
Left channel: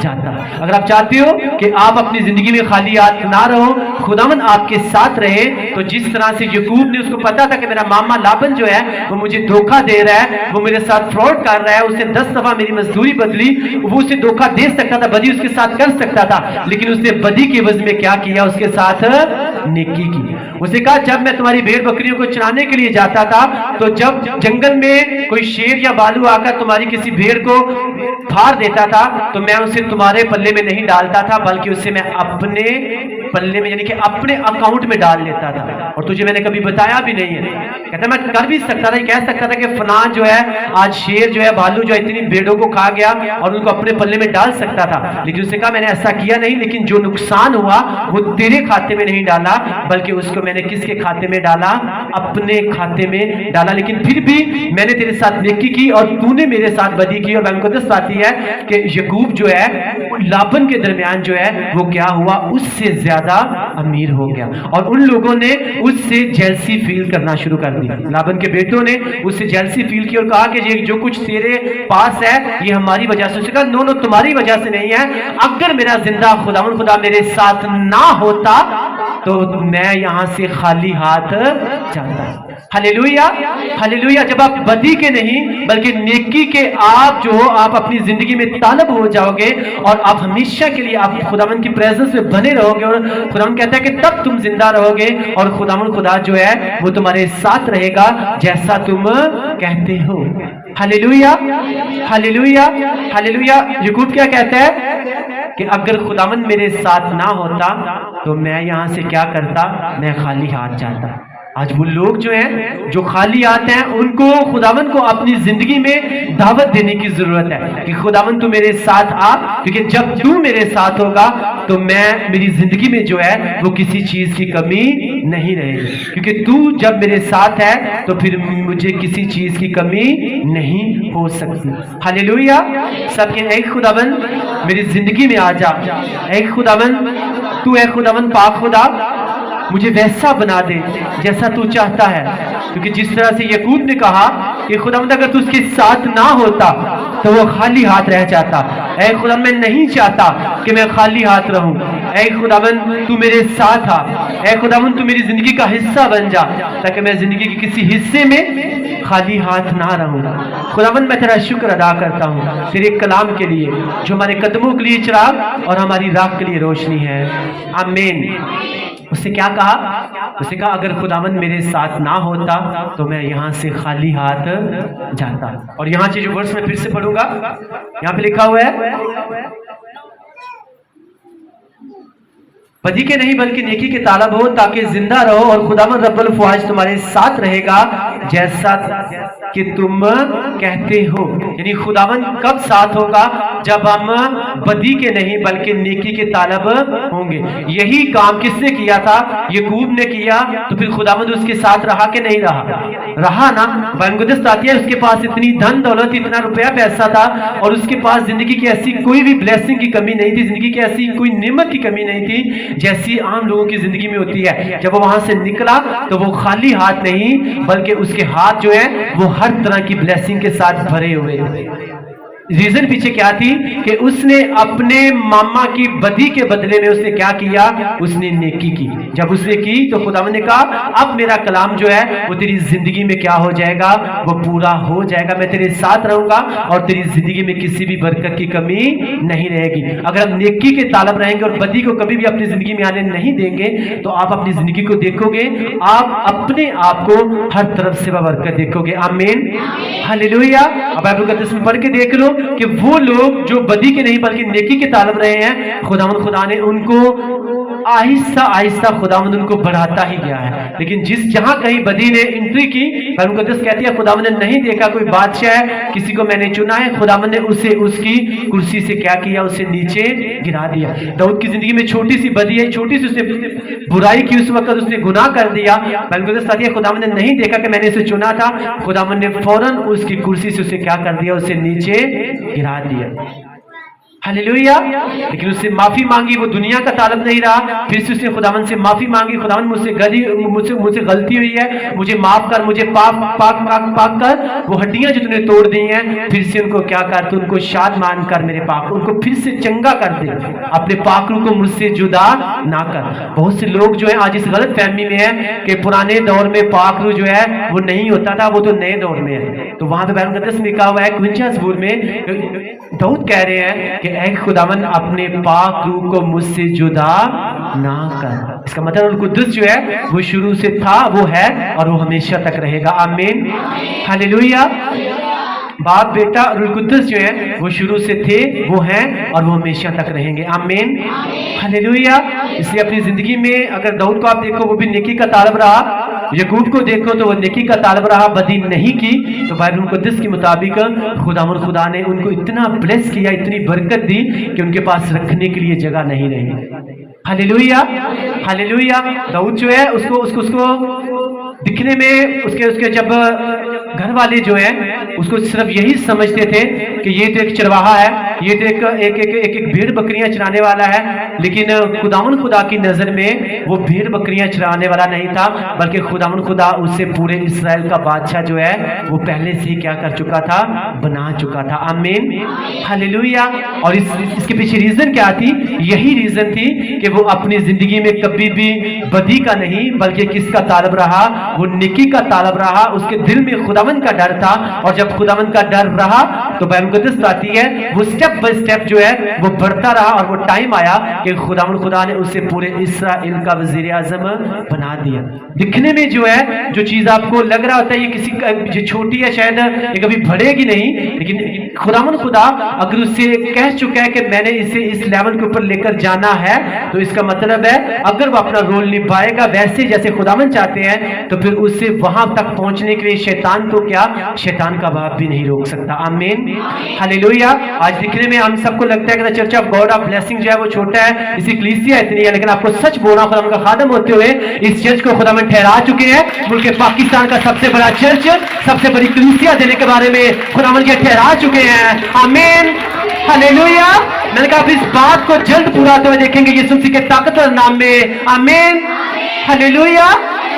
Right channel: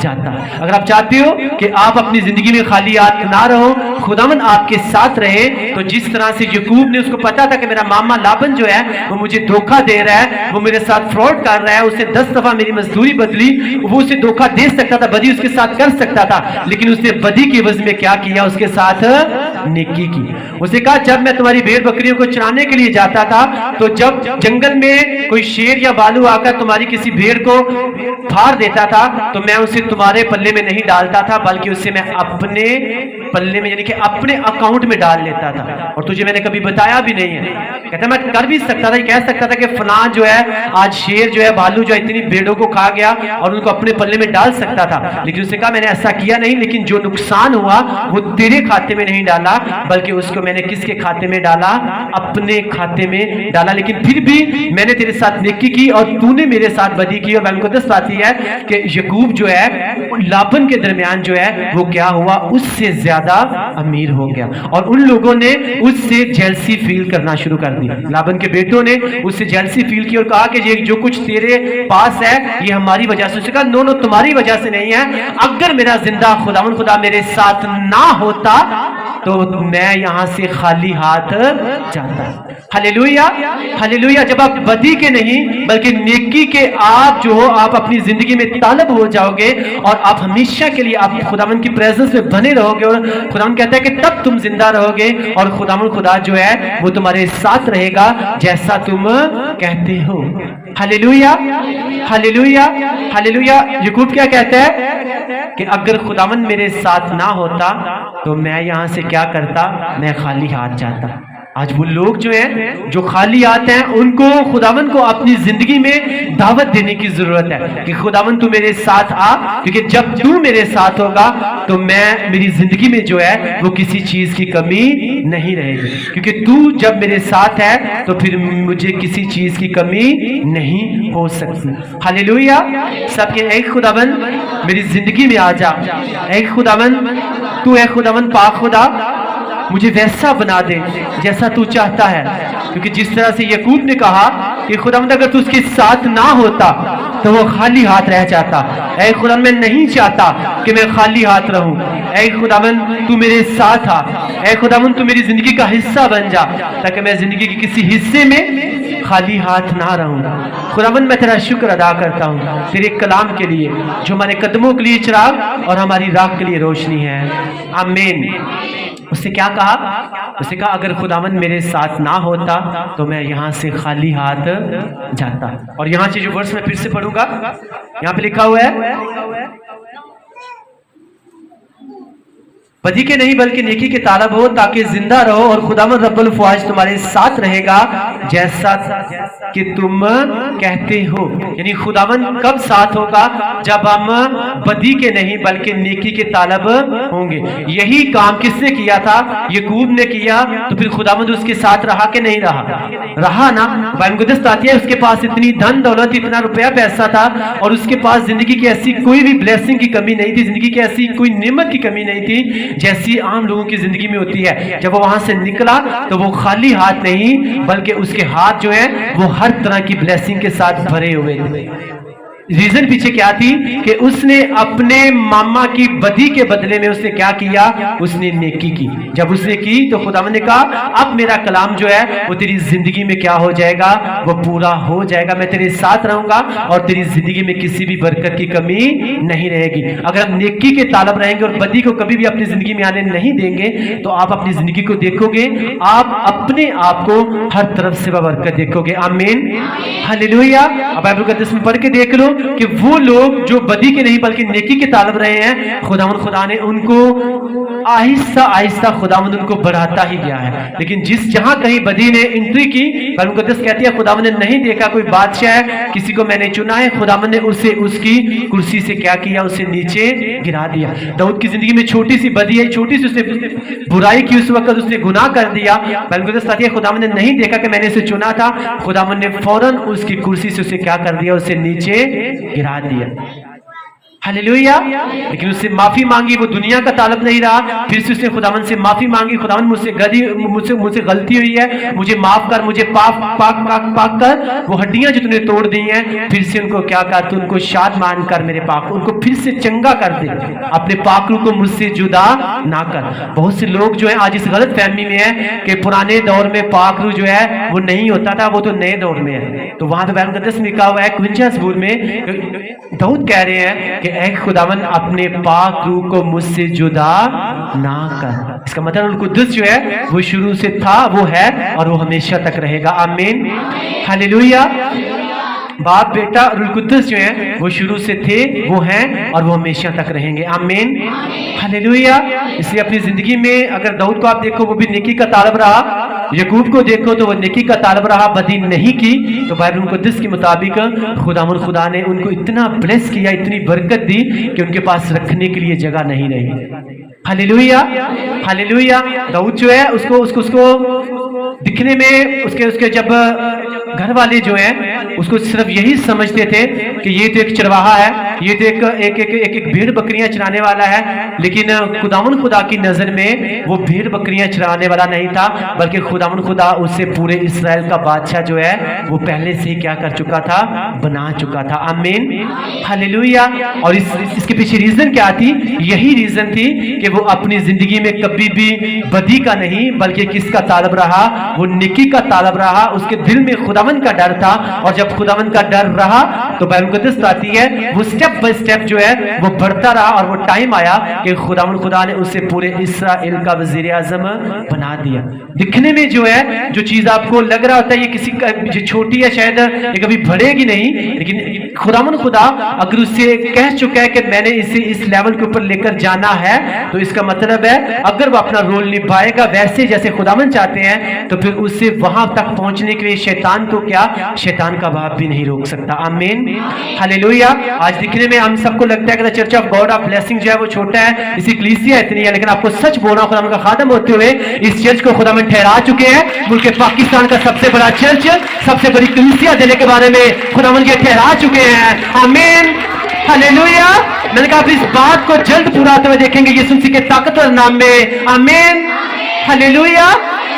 जाता। अगर आप चाहते हो कि आप अपनी जिंदगी में खाली हाथ ना रहो, खुदावन आपके साथ रहे, तो जिस तरह से याकूब ने, उसको पता था कि मेरा मामा लाबन जो है वो मुझे धोखा दे रहा है, वो मेरे साथ फ्रॉड कर रहा है, उसने 10 दफा मेरी मजदूरी बदली, वो उसे धोखा दे सकता था, बदी उसके साथ कर सकता था, लेकिन उसने बदी के एवज में क्या किया? उसके साथ नेकी की। उसे कहा, जब मैं तुम्हारी भेड़ बकरियों को चराने के लिए जाता था, तो जब जंगल में कोई शेर या भालू आकर तुम्हारी किसी भेड़ को फाड़ देता था, तो मैं उसे तुम्हारे पल्ले में नहीं डालता था, बल्कि उसे मैं अपने पल्ले में, यानी कि अपने अकाउंट में डाल लेता था, और तुझे मैंने कभी बताया भी नहीं है। कहता मैं कर भी सकता था, कह सकता था कि फलां जो है आज शेर जो है, भालू जो है, इतनी भेड़ों को खा गया और उनको अपने पल्ले में डाल सकता था, लेकिन उसने कहा मैंने ऐसा किया नहीं, लेकिन जो नुकसान हुआ वो तेरे खाते में नहीं डाला, बल्कि उसको मैंने किसके खाते में डाला? अपने खाते में डाला। लेकिन फिर भी मैंने तेरे साथ नेकी की और तूने मेरे साथ बदी की। और मुकद्दस आती है कि याकूब जो है लाबन के दरमियान जो है वो क्या हुआ? उससे ज्यादा अमीर हो गया, और उन लोगों ने उससे जेलसी फील करना शुरू कर दी। लाबन के बेटों ने उससे जेलसी फील की और कहा कि ये जो कुछ तेरे पास है ये हमारी वजह से। उसने कहा नो, तुम्हारी वजह से नहीं है। अगर मेरा जिंदा खुदा मेरे साथ ना होता तो मैं यहां से खाली हाथ जाता। Hallelujah, hallelujah. जब आप बदी के नहीं बल्कि नेकी के आप जो हो, आप अपनी जिंदगी में तालब हो जाओगे और आप हमेशा के लिए आप खुदावन की प्रेजेंस में बने रहोगे, और खुदावन कहता है कि तब तुम जिंदा रहोगे और खुदा जो है वो तुम्हारे साथ रहेगा, जैसा तुम कहते हो। Hallelujah, hallelujah, hallelujah. याकूब क्या कहता है कि अगर खुदावन मेरे साथ ना होता तो मैं यहां से क्या करता? मैं खाली हाथ जाता। आज वो लोग जो हैं जो खाली आते हैं, उनको खुदावन को अपनी जिंदगी में दावत देने की जरूरत है कि खुदावन तू मेरे साथ आ, क्योंकि जब तू मेरे साथ होगा तो मैं, मेरी जिंदगी में जो है वो किसी चीज की कमी नहीं रहेगी, क्योंकि तू जब मेरे साथ है तो फिर मुझे किसी चीज की कमी नहीं हो सकती। हालेलुया। सबके ऐ खुदावन मेरी जिंदगी में आ जा, ऐ खुदावन तू है खुदावन पाक खुदा, मुझे वैसा बना दे जैसा तू चाहता है। क्योंकि जिस तरह से याकूब ने कहा कि खुदावंद अगर तू उसके साथ ना होता तो वो खाली हाथ रह जाता। ऐ खुदावंद मैं नहीं चाहता कि मैं खाली हाथ रहूं। ऐ खुदावंद तू मेरे साथ आ। ऐ खुदावंद तू मेरी जिंदगी का हिस्सा बन जा, ताकि मैं जिंदगी के किसी हिस्से में खाली हाथ ना रहूं। खुदावंद मैं तेरा शुक्र अदा करता हूं तेरे कलाम के लिए, जो हमारे कदमों के लिए चिराग और हमारी राह के लिए रोशनी है। आमीन। उसने क्या कहा? उसने कहा अगर खुदावंद मेरे साथ ना होता तो मैं यहाँ से खाली हाथ जाता। और यहाँ से जो वर्स मैं फिर से पढ़ूंगा, यहाँ पे लिखा हुआ है बदी के नहीं बल्कि नेकी के तालब हो, ताकि जिंदा रहो और खुदावंद रब्बुल फवाज तुम्हारे साथ रहेगा जैसा कि तुम कहते हो। यानी खुदावंद कब साथ होगा? जब हम बदी के नहीं बल्कि नेकी के तालब होंगे। यही काम किसने किया था? याकूब ने किया। तो फिर खुदावंद उसके साथ रहा कि नहीं रहा? रहा ना। बाइबल आती है उसके पास इतनी धन दौलत, इतना रुपया पैसा था और उसके पास जिंदगी की ऐसी कोई भी ब्लेसिंग की कमी नहीं थी, जिंदगी की ऐसी कोई नेमत की कमी नहीं थी जैसी आम लोगों की जिंदगी में होती है। जब वो वहां से निकला तो वो खाली हाथ नहीं बल्कि उसके हाथ जो है वो हर तरह की ब्लेसिंग के साथ भरे हुए थे। रीजन पीछे क्या थी कि उसने अपने मामा की बदी के बदले में उसने क्या किया? उसने नेकी की। जब उसने की तो खुदावंद ने कहा अब मेरा कलाम जो है वो तेरी जिंदगी में क्या हो जाएगा? वो पूरा हो जाएगा। मैं तेरे साथ रहूंगा और तेरी जिंदगी में किसी भी बरकत की कमी नहीं रहेगी। अगर हम नेकी के तालब रहेंगे और बदी को कभी भी अपनी जिंदगी में आने नहीं देंगे तो आप अपनी जिंदगी को देखोगे, आप अपने आप को हर तरफ से बरकत देखोगे। आमीन, हालेलुया। अब बाइबल का 10 पढ़ के देख लो कि वो लोग जो बदी के नहीं बल्कि नेकी के तालब रहे हैं, खुदा ने उनको आहिस्ता आहिस्ता खुदावंद उनको बढ़ाता ही गया है। लेकिन जहां कहीं बदी ने एंट्री की, बाइबल मुकद्दस कहती है खुदावंद ने नहीं देखा कोई बादशाह है, किसी को मैंने चुना है, खुदावंद ने उसे उसकी कुर्सी से क्या किया? उसे नीचे गिरा दिया। दाऊद की जिंदगी में छोटी सी बदी है, छोटी सी उसने बुराई की, उस वक्त उसने गुनाह कर दिया। बाइबल मुकद्दस कहती है खुदावंद ने नहीं देखा कि मैंने इसे चुना था, खुदावंद ने फौरन उसकी कुर्सी से उसे क्या कर दिया? उसे नीचे गिरा दिया। हालेलुया। लेकिन उससे माफी मांगी, वो दुनिया का तालब नहीं रहा। फिर से उसने खुदावंद से माफी मांगी, खुदावंद मुझसे गलती हुई है, मुझे माफ कर, मुझे पाक कर वो हड्डियां जो तूने तोड़ दी हैं फिर से उनको क्या कर? तू उनको शाद मान कर मेरे पाक, उनको फिर से चंगा कर दे, अपने पाकरू को मुझसे जुदा ना कर। बहुत से लोग जो है आज इस गलत फहमी में है कि पुराने दौर में पाकरू जो है वो नहीं होता था, वो तो नए दौर में है। तो वहां पे बाइबल मुकद्दस में लिखा हुआ है 51 ज़बूर में दाऊद कह रहे हैं कि ऐ खुदावंद अपने पाक रूह को मुझसे जुदा ना कर। इसका मतलब रूह कुद्दुस जो है वो शुरू से था, वो है और वो हमेशा तक रहेगा। आमीन, हालेलुया। बाप बेटा रूह कुद्दुस जो है वो शुरू से थे, वो हैं और वो हमेशा तक रहेंगे। आमीन, हालेलुया। इसलिए अपनी जिंदगी में अगर दाऊद को आप देखो वो भी नेकी का तालब रहा, याकूब को देखो तो वो नेकी का तालब रहा, बदी नहीं की। तो बाइबल मुकद्दस के मुताबिक खुदा ने उनको इतना ब्लेस किया, इतनी बरकत दी कि उनके पास रखने के लिए जगह नहीं रही। Hallelujah, hallelujah. दाऊद जो है उसको दिखने में उसके जब घर वाले जो है उसको सिर्फ यही समझते थे कि ये तो एक चरवाहा है, ये तो एक भेड़ बकरियां चराने वाला है। लेकिन खुदावंद खुदा की नजर में वो भेड़ बकरियां चराने वाला नहीं था, बल्कि खुदावंद खुदा उससे पूरे इस्राएल का बादशाह जो है वो पहले से ही क्या कर चुका था? बना चुका था। आमीन, हालेलुया। और इसके पीछे रीजन क्या थी? यही रीजन थी कि वो अपनी जिंदगी में कभी भी बदी का नहीं बल्कि किसका तालब रहा? वो नेकी का तालब रहा। उसके दिल में खुदावंद का डर था और जब खुदावंद का डर रहा तो बाइबल मुकद्दस आती है वो स्टेप बाय स्टेप जो है वो बढ़ता रहा और वो टाइम आया कि खुदा ने उसे पूरे इस्राएल का वजीर आजम बना दिया। दिखने में जो है जो चीज आपको लग रहा होता है ये किसी का छोटी है, शायद ये कभी बढ़ेगी नहीं, लेकिन खुदा अगर उससे कह चुका है कि मैंने इसे इस लेवल के ऊपर लेकर जाना है तो इसका मतलब है अगर वो अपना रोल निभाएगा वैसे जैसे खुदावंद चाहते हैं तो फिर उससे वहां तक पहुंचने के लिए शैतान को क्या? शैतान का बाप भी नहीं रोक सकता। आमीन, हालेलुया। आज दिखने में हम सबको लगता है कि church of God of blessing जो है वो छोटा है, इसी कलीसिया इतनी है, लेकिन आपको सच बोल रहा हूं खुदावंद का खादम होते हुए इस चर्च को खुदावंद ठहरा चुके हैं। मुल्क पाकिस्तान का सबसे बड़ा चर्च, सबसे बड़ी कलीसिया देने के बारे में खुदावंद ये ठहरा चुके हैं। आमीन, हालेलुया। मैंने कहा आप इस बात को जल्द पूरा होते हुए देखेंगे यीशु मसीह के ताकतवर नाम में। आमीन, हालेलुया।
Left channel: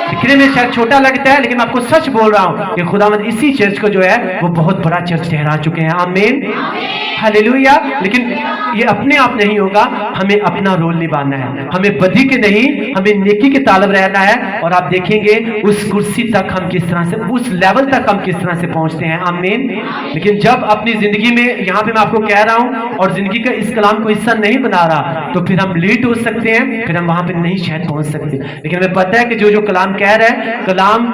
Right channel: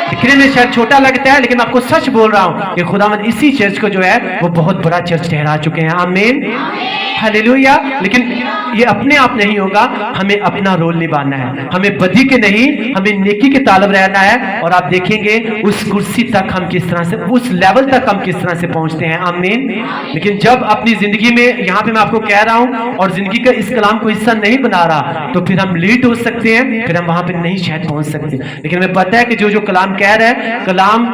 दिखने में शायद छोटा लगता है, लेकिन मैं आपको सच बोल रहा हूं कि खुदावंद इसी चर्च को जो है वो बहुत बड़ा चर्च ठहरा चुके हैं। आमीन, हालेलुया। लेकिन ये अपने आप नहीं होगा, हमें अपना रोल निभाना है। हमें बदी के नहीं, हमें नेकी के तालब रहना है। और आप देखेंगे उस कुर्सी तक हम किस तरह से, उस लेवल तक हम किस तरह से पहुंचते हैं। आमीन। लेकिन जब अपनी जिंदगी में, यहाँ पे मैं आपको कह रहा हूं और जिंदगी का इस कलाम को हिस्सा नहीं बना रहा, तो फिर हम लेट हो सकते हैं, फिर हम वहां पे नहीं शायद पहुंच सकते। लेकिन हमें पता है कि जो कलाम कह रहा है, कलाम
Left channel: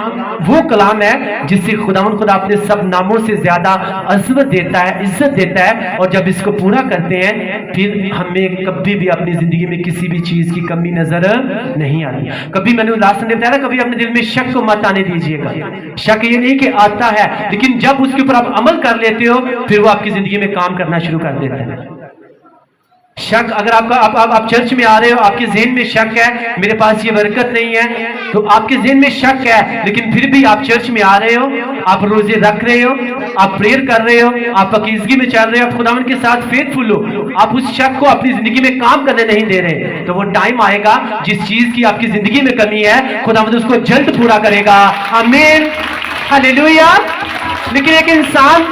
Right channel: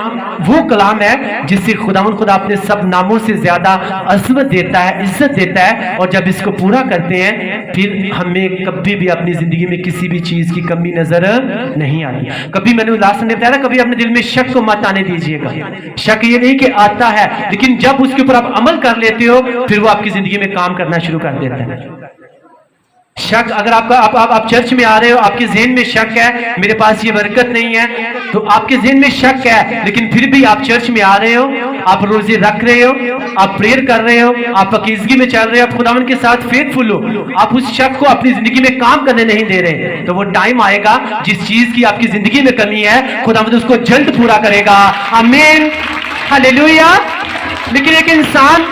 वो कलाम है जिससे खुदा अपने सब नामों से ज्यादा अज़मत देता है, इज्जत देता है। और जब इसको पूरा करते हैं, फिर हमें कभी भी अपनी जिंदगी में किसी भी चीज की कमी नजर नहीं आती। कभी मैंने लास्ट में बताया, कभी अपने दिल में शक को मत आने दीजिएगा। शक ये नहीं कि आता है, लेकिन जब उसके ऊपर आप अमल कर लेते हो, फिर वो आपकी जिंदगी में काम करना शुरू कर देता है। शक, अगर आप चर्च में आ रहे हो, आपके ज़हन में शक है, मेरे पास ये बरकत नहीं है, तो आपके ज़हन में शक है, लेकिन फिर भी आप चर्च में आ रहे हो, आप रोजे रख रहे हो, आप प्रेयर कर रहे हो, आप पकीज़गी में चल रहे हो, खुदावंद के साथ फेथफुल हो, आप उस शक को अपनी जिंदगी में काम करने नहीं दे रहे, तो वो टाइम आएगा जिस चीज की आपकी जिंदगी में कमी है, खुदावंद उसको जल्द पूरा करेगा। आमीन, हालेलुया। लेकिन एक इंसान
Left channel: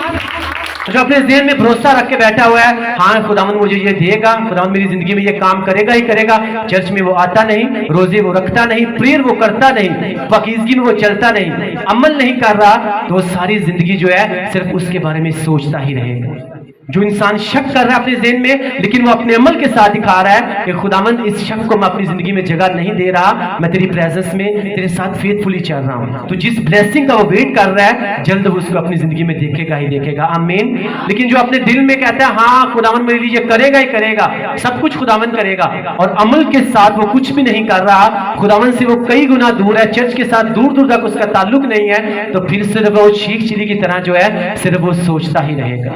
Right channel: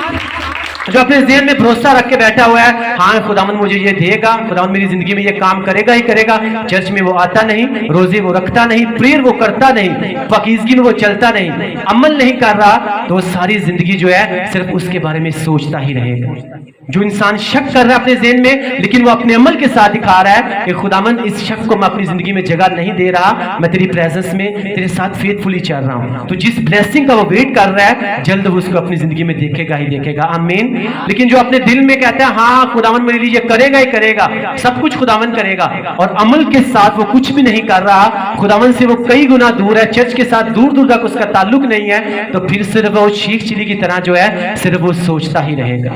जो अपने ज़हन में भरोसा रख के बैठा हुआ है, हाँ खुदावंद मुझे ये देगा, खुदावंद मेरी जिंदगी में ये काम करेगा ही करेगा, चर्च में वो आता नहीं, रोजे वो रखता नहीं, प्रेयर वो करता नहीं, पकीज़गी में वो चलता नहीं, अमल नहीं कर रहा, तो सारी जिंदगी जो है सिर्फ उसके बारे में सोचता ही रहेगा। जो इंसान शक कर रहा है अपने ज़हन में, लेकिन वो अपने अमल के साथ दिखा रहा है कि खुदावंद इस शक को मैं अपनी जिंदगी में जगह नहीं दे रहा, मैं तेरी प्रेजेंस में तेरे साथ फेथफुली चल रहा हूं, तो जिस ब्लेसिंग का वो वेट कर रहा है, जल्द वो उसको अपनी जिंदगी में देखेगा ही देखेगा। आमीन। लेकिन जो अपने दिल में कहता है हाँ खुदावंद मेरे लिए करेगा ही करेगा, सब कुछ खुदावंद करेगा, और अमल के साथ वो कुछ भी नहीं कर रहा, खुदावंद से वो कई गुना दूर है, चर्च के साथ दूर दूर तक उसका ताल्लुक नहीं है, तो फिर सिर्फ वो शीख चिली की तरह जो है सिर्फ वो सोचता ही रहेगा।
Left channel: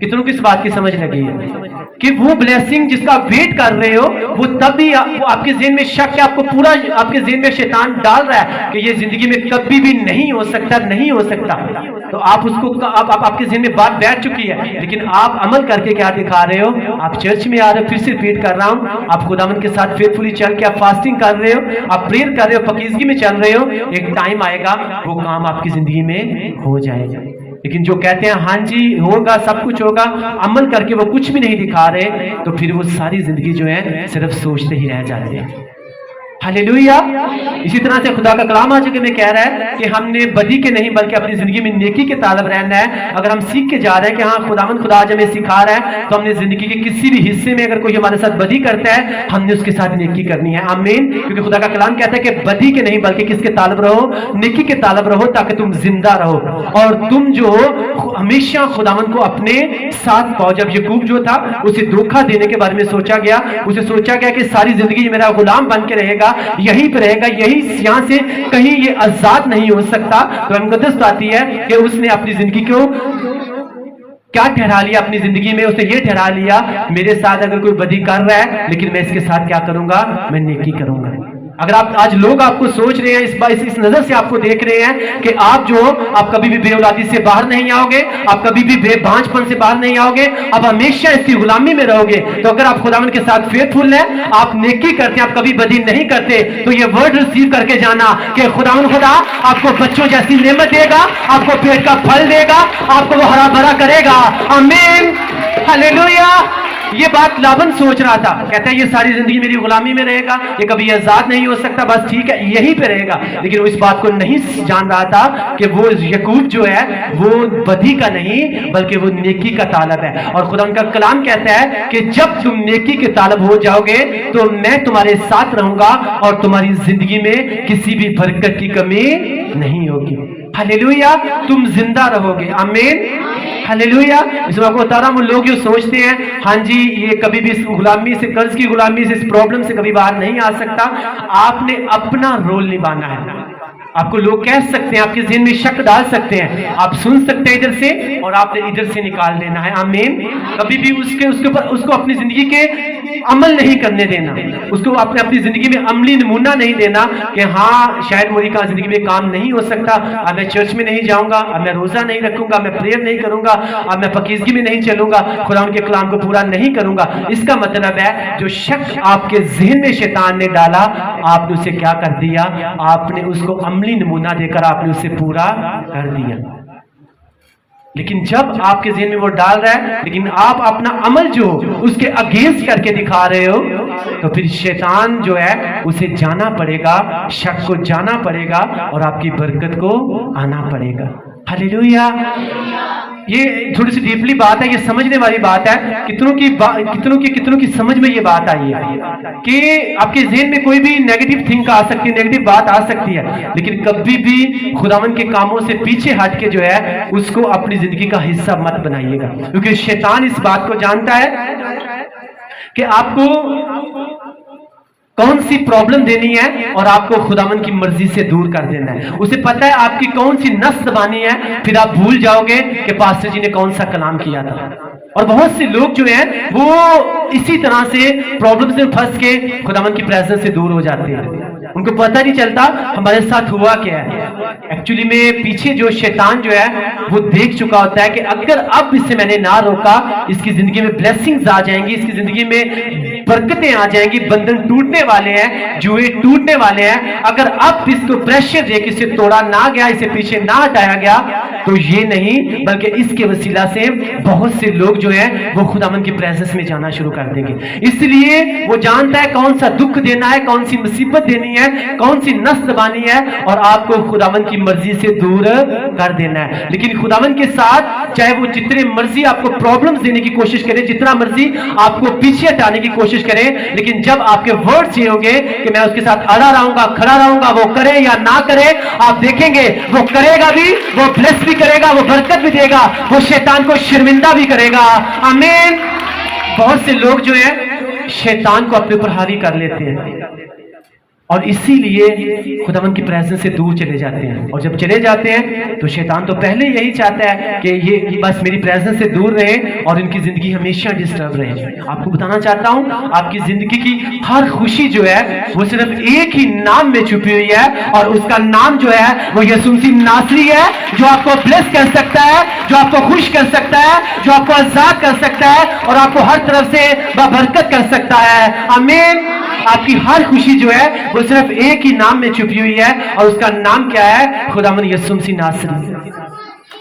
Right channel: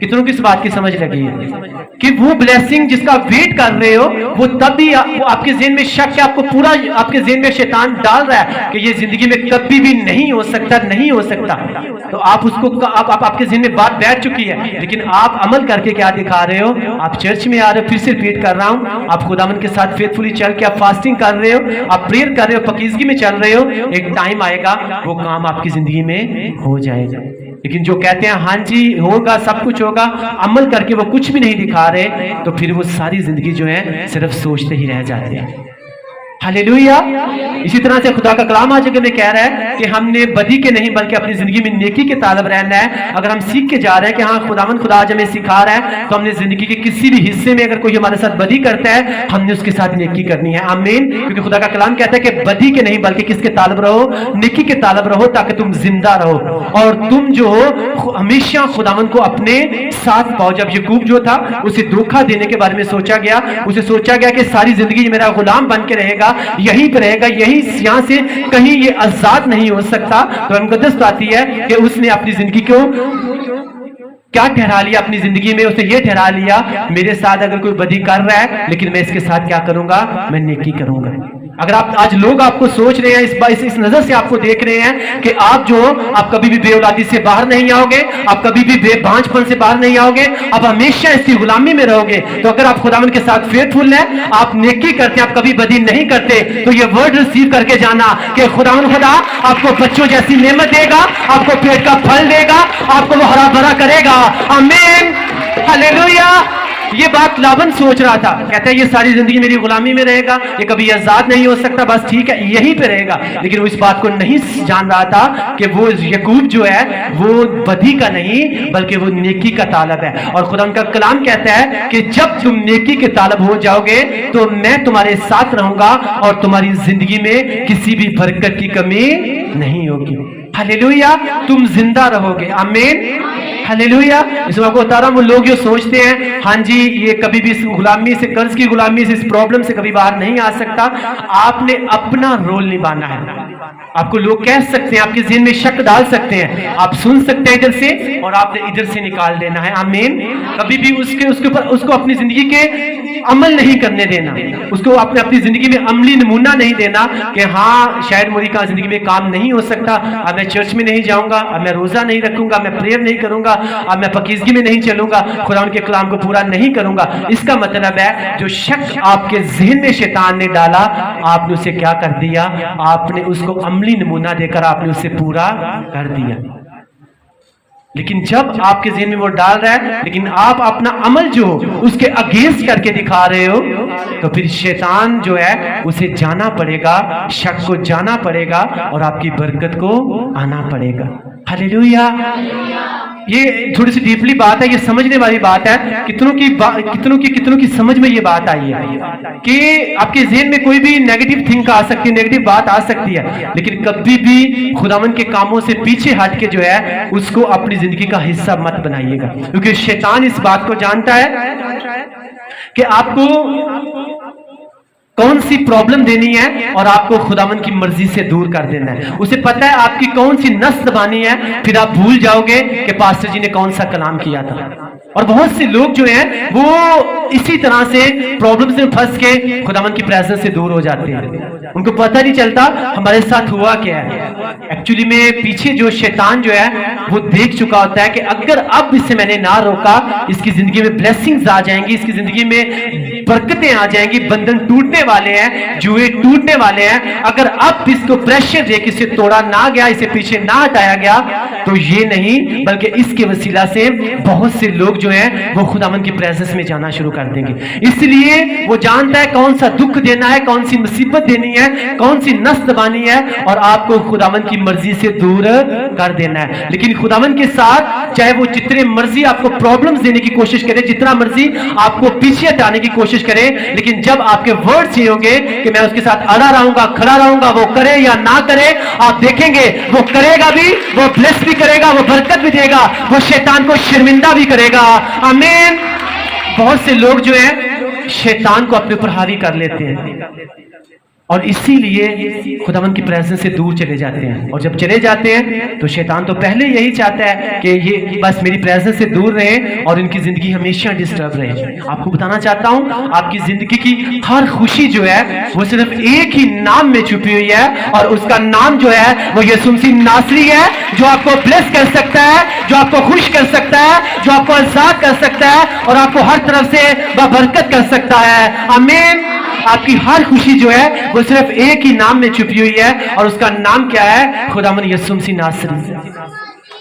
कितनों की इस बात की समझ लगी है कि वो ब्लेसिंग जिसका वेट कर रहे हो, वो तब भी वो आपके ज़हन में शक है, आपको पूरा आपके ज़हन में शैतान डाल रहा है कि ये जिंदगी में कभी भी नहीं हो सकता, नहीं हो सकता, तो आप उसको आपके ज़हन में बात बैठ चुकी है, लेकिन आप अमल करके क्या दिखा रहे हो? आप चर्च में आ रहे हो, फिर से रिपीट कर रहा हूं, आप खुदावंद के साथ फेथफुली चल के आप फास्टिंग कर रहे हो, आप प्रेयर कर रहे हो, पकीज़गी में चल रहे हो, एक टाइम आएगा वो काम आपकी जिंदगी में हो जाएगा। लेकिन जो कहते हैं हाँ जी होगा, सब कुछ होगा, अमल करके वो कुछ भी नहीं दिखा रहे, तो फिर वो सारी जिंदगी जो है सिर्फ सोचते ही रह जाते हैं। हालेलुया। इसी तरह से खुदा का कलाम आज में कह रहा है कि हमने बदी के नहीं बल्कि अपनी जिंदगी में नेकी के तालब रहना है। अगर हम सीख के जा रहे हैं कि हाँ खुदा आज हमें सिखा रहा है, तो हमने जिंदगी के किसी भी हिस्से में अगर कोई हमारे साथ बदी करता है, हमने उसके साथ नेकी करनी है। आमीन। क्योंकि खुदा का कलाम कहता है कि बदी के नहीं बल्कि किसके तालब रहो? नेकी के तालब रहो, ताकि तुम जिंदा रहो और तुम जो हमेशा खुदावंद को अपने साथ पाओ। जब यकूब जो था, उसे धोखा देने के बारे में सोचा गया, उसे सोचा गया कि सारी जिंदगी मेरा गुलाम बन के रहेगा, यहीं पर रहेगा, यही यहां से कहीं ये आजाद नहीं हो सकता। तो मुकद्दस आती है कि उसने अपनी जिंदगी को क्या ठहरा लिया? अपनी जिंदगी में उसने ये ठहरा लिया, मेरे साथ अगर कोई बदी कर रहा है, लेकिन मैं इसके साथ क्या करूंगा? मैं नेकी करूंगा। अगर आप आज लोग आपको सोच रहे हैं, इस नजर से आपको देख रहे हैं कि आप कभी भी बेऔलादी से बाहर नहीं आओगे, आप कभी भी बेबांझपन से बाहर नहीं आओगे, आप हमेशा इसकी गुलामी में रहोगे, तो अगर आप खुदावंद के साथ फेथफुल हैं, आप नेकी करते हैं, आप कभी बदी नहीं करते, तो ये वर्ड रिसीव करके जाना कि खुदावंद खुदा आपको बच्चों जैसी नेमत देगा, आपको पेट का फल देगा, आपको वो हरा भरा करेगा। आमीन, हालेलुया। ये बात लाबन सोच रहा था, कहता है ये सारी जिंदगी मेरी गुलामी में रहेगा, ये कभी आजाद नहीं हो सकता, बस ठीक है यहीं पे रहेगा। लेकिन वो इस बात को नहीं जान रहा था कि वो यकूब जो है वो बदी का नहीं बल्कि वो नेकी का तालब है। और खुदा का कलाम कहता है कि जब तुम नेकी के तालब हो जाओगे, तो मैं तुम्हारे साथ रहूंगा और तुम्हारी जिंदगी में किसी भी बरकत की कमी नहीं होगी। हालेलुया। तुम जिंदा रहोगे। आमीन, हालेलुया। इस बात को बता रहा हूं, वो लोग जो सोचते हैं हाँ जी ये कभी भी इस गुलामी से, कर्ज की गुलामी से, इस प्रॉब्लम से कभी बाहर नहीं आ सकता, आपने अपना रोल निभाना है। आपको लोग कह सकते हैं, आपके ज़हन में शक डाल सकते हैं, आप सुन सकते हैं इधर से और आपने इधर से निकाल देना है। आमीन। कभी भी उसको अपनी जिंदगी के अमल नहीं करने देना, उसको अपनी जिंदगी में अमली नमूना नहीं देना कि हाँ शायद मेरी का जिंदगी में काम नहीं हो सकता, अब मैं चर्च में नहीं जाऊंगा, अब मैं रोजा नहीं रखूंगा, मैं प्रेयर नहीं करूंगा, अब मैं पकीजगी में नहीं चलूंगा, खुदा के कलाम को पूरा नहीं करूंगा। इसका मतलब है जो शक आपके जहन में शैतान ने डाला, आपने उसे क्या कर दिया, आपने उसको अमली नमूना देकर आपने उसे पूरा कर दिया। लेकिन जब आपके ज़हन में वो डाल रहा है लेकिन आप अपना अमल जो उसके अगेंस्ट करके दिखा रहे हो, तो फिर शैतान जो है उसे जाना पड़ेगा, शक को जाना पड़ेगा और आपकी बरकत को आना पड़ेगा। हालेलुया। ये थोड़ी सी डीपली बात है, ये समझने वाली बात है। कितनों की समझ में ये बात आई है कि आपके ज़हन में कोई भी नेगेटिव थिंक आ सकती है, नेगेटिव बात आ सकती है, लेकिन कभी भी खुदावन के कामों से पीछे हट के जो है उसको अपनी जिंदगी का हिस्सा मत बनाइएगा, क्योंकि शैतान इस बात को जानता है कि आपको कौन सी प्रॉब्लम देनी है और आपको खुदावन की मर्जी से दूर कर देना है। उसे पता है आपकी कौन सी नस दबानी है, फिर आप भूल जाओगे कि पास्टर जी ने कौन सा कलाम किया था। और बहुत से लोग जो हैं वो इसी तरह से प्रॉब्लम से फंस के खुदावन की प्रेजेंस से दूर हो जाते हैं, उनको पता नहीं चलता हमारे साथ हुआ क्या है। एक्चुअली में पीछे जो शैतान जो है वो देख चुका होता है कि अगर अब इससे मैंने ना रोका, इसकी जिंदगी में ब्लेसिंग्स आ जाएंगी, इसकी जिंदगी में बरकतें आ जाएंगी, बंधन टूटने वाले हैं, जुए टूटने वाले हैं। अगर अब इसको प्रेशर दे कि इसे तोड़ा ना गया, इसे पीछे ना हटाया गया, तो ये नहीं बल्कि इसके वसीला से बहुत से लोग जो है वो खुदावन की प्रेजेंस में जाना शुरू कर देंगे। इसलिए वो जानता है कौन सा दुख देना है, कौन सी मुसीबत देनी है, कौन सी नस दबानी है और आपको खुदावन की मर्जी से दूर कर देना है। लेकिन खुदावन के साथ चाहे वो जितने मर्जी आपको प्रॉब्लम्स देने की कोशिश करे, जितना मर्जी आपको पीछे हटाने की कोशिश करे, लेकिन जब आपके वर्ड्स ये होंगे कि मैं उसके साथ अड़ा रहूंगा, खड़ा रहूंगा, वो करे या ना करे, आप देखेंगे वो करेगा भी, वो ब्लेस भी करेगा, वो बरकत भी देगा, वो शैतान को शर्मिंदा भी करेगा। आमीन। बहुत से लोग जो है शैतान को अपने ऊपर हावी कर लेते हैं और इसीलिए खुदावन की प्रेजेंस से दूर चले जाते हैं। और जब चले जाते हैं तो शैतान तो पहले यही चाहता है कि ये बस मेरी प्रेजेंस से दूर रहे और इनकी जिंदगी हमेशा डिस्टर्ब रहे। आपको बताना चाहता हूं आपकी जिंदगी की हर खुशी जो है वो सिर्फ एक ही नाम में छुपी हुई है और उसका नाम जो है वो यीशु मसीह नासरी है, जो आपको ब्लेस कर सकता है, जो आपको खुश कर सकता है, जो आपको आजाद कर सकता है और आपको हर तरफ से बरकत कर सकता है। आमीन। आपकी हर खुशी जो है वो सिर्फ एक ही नाम में छुपी हुई है और उसका नाम क्या है? खुदावन यीशु मसीह नासरी।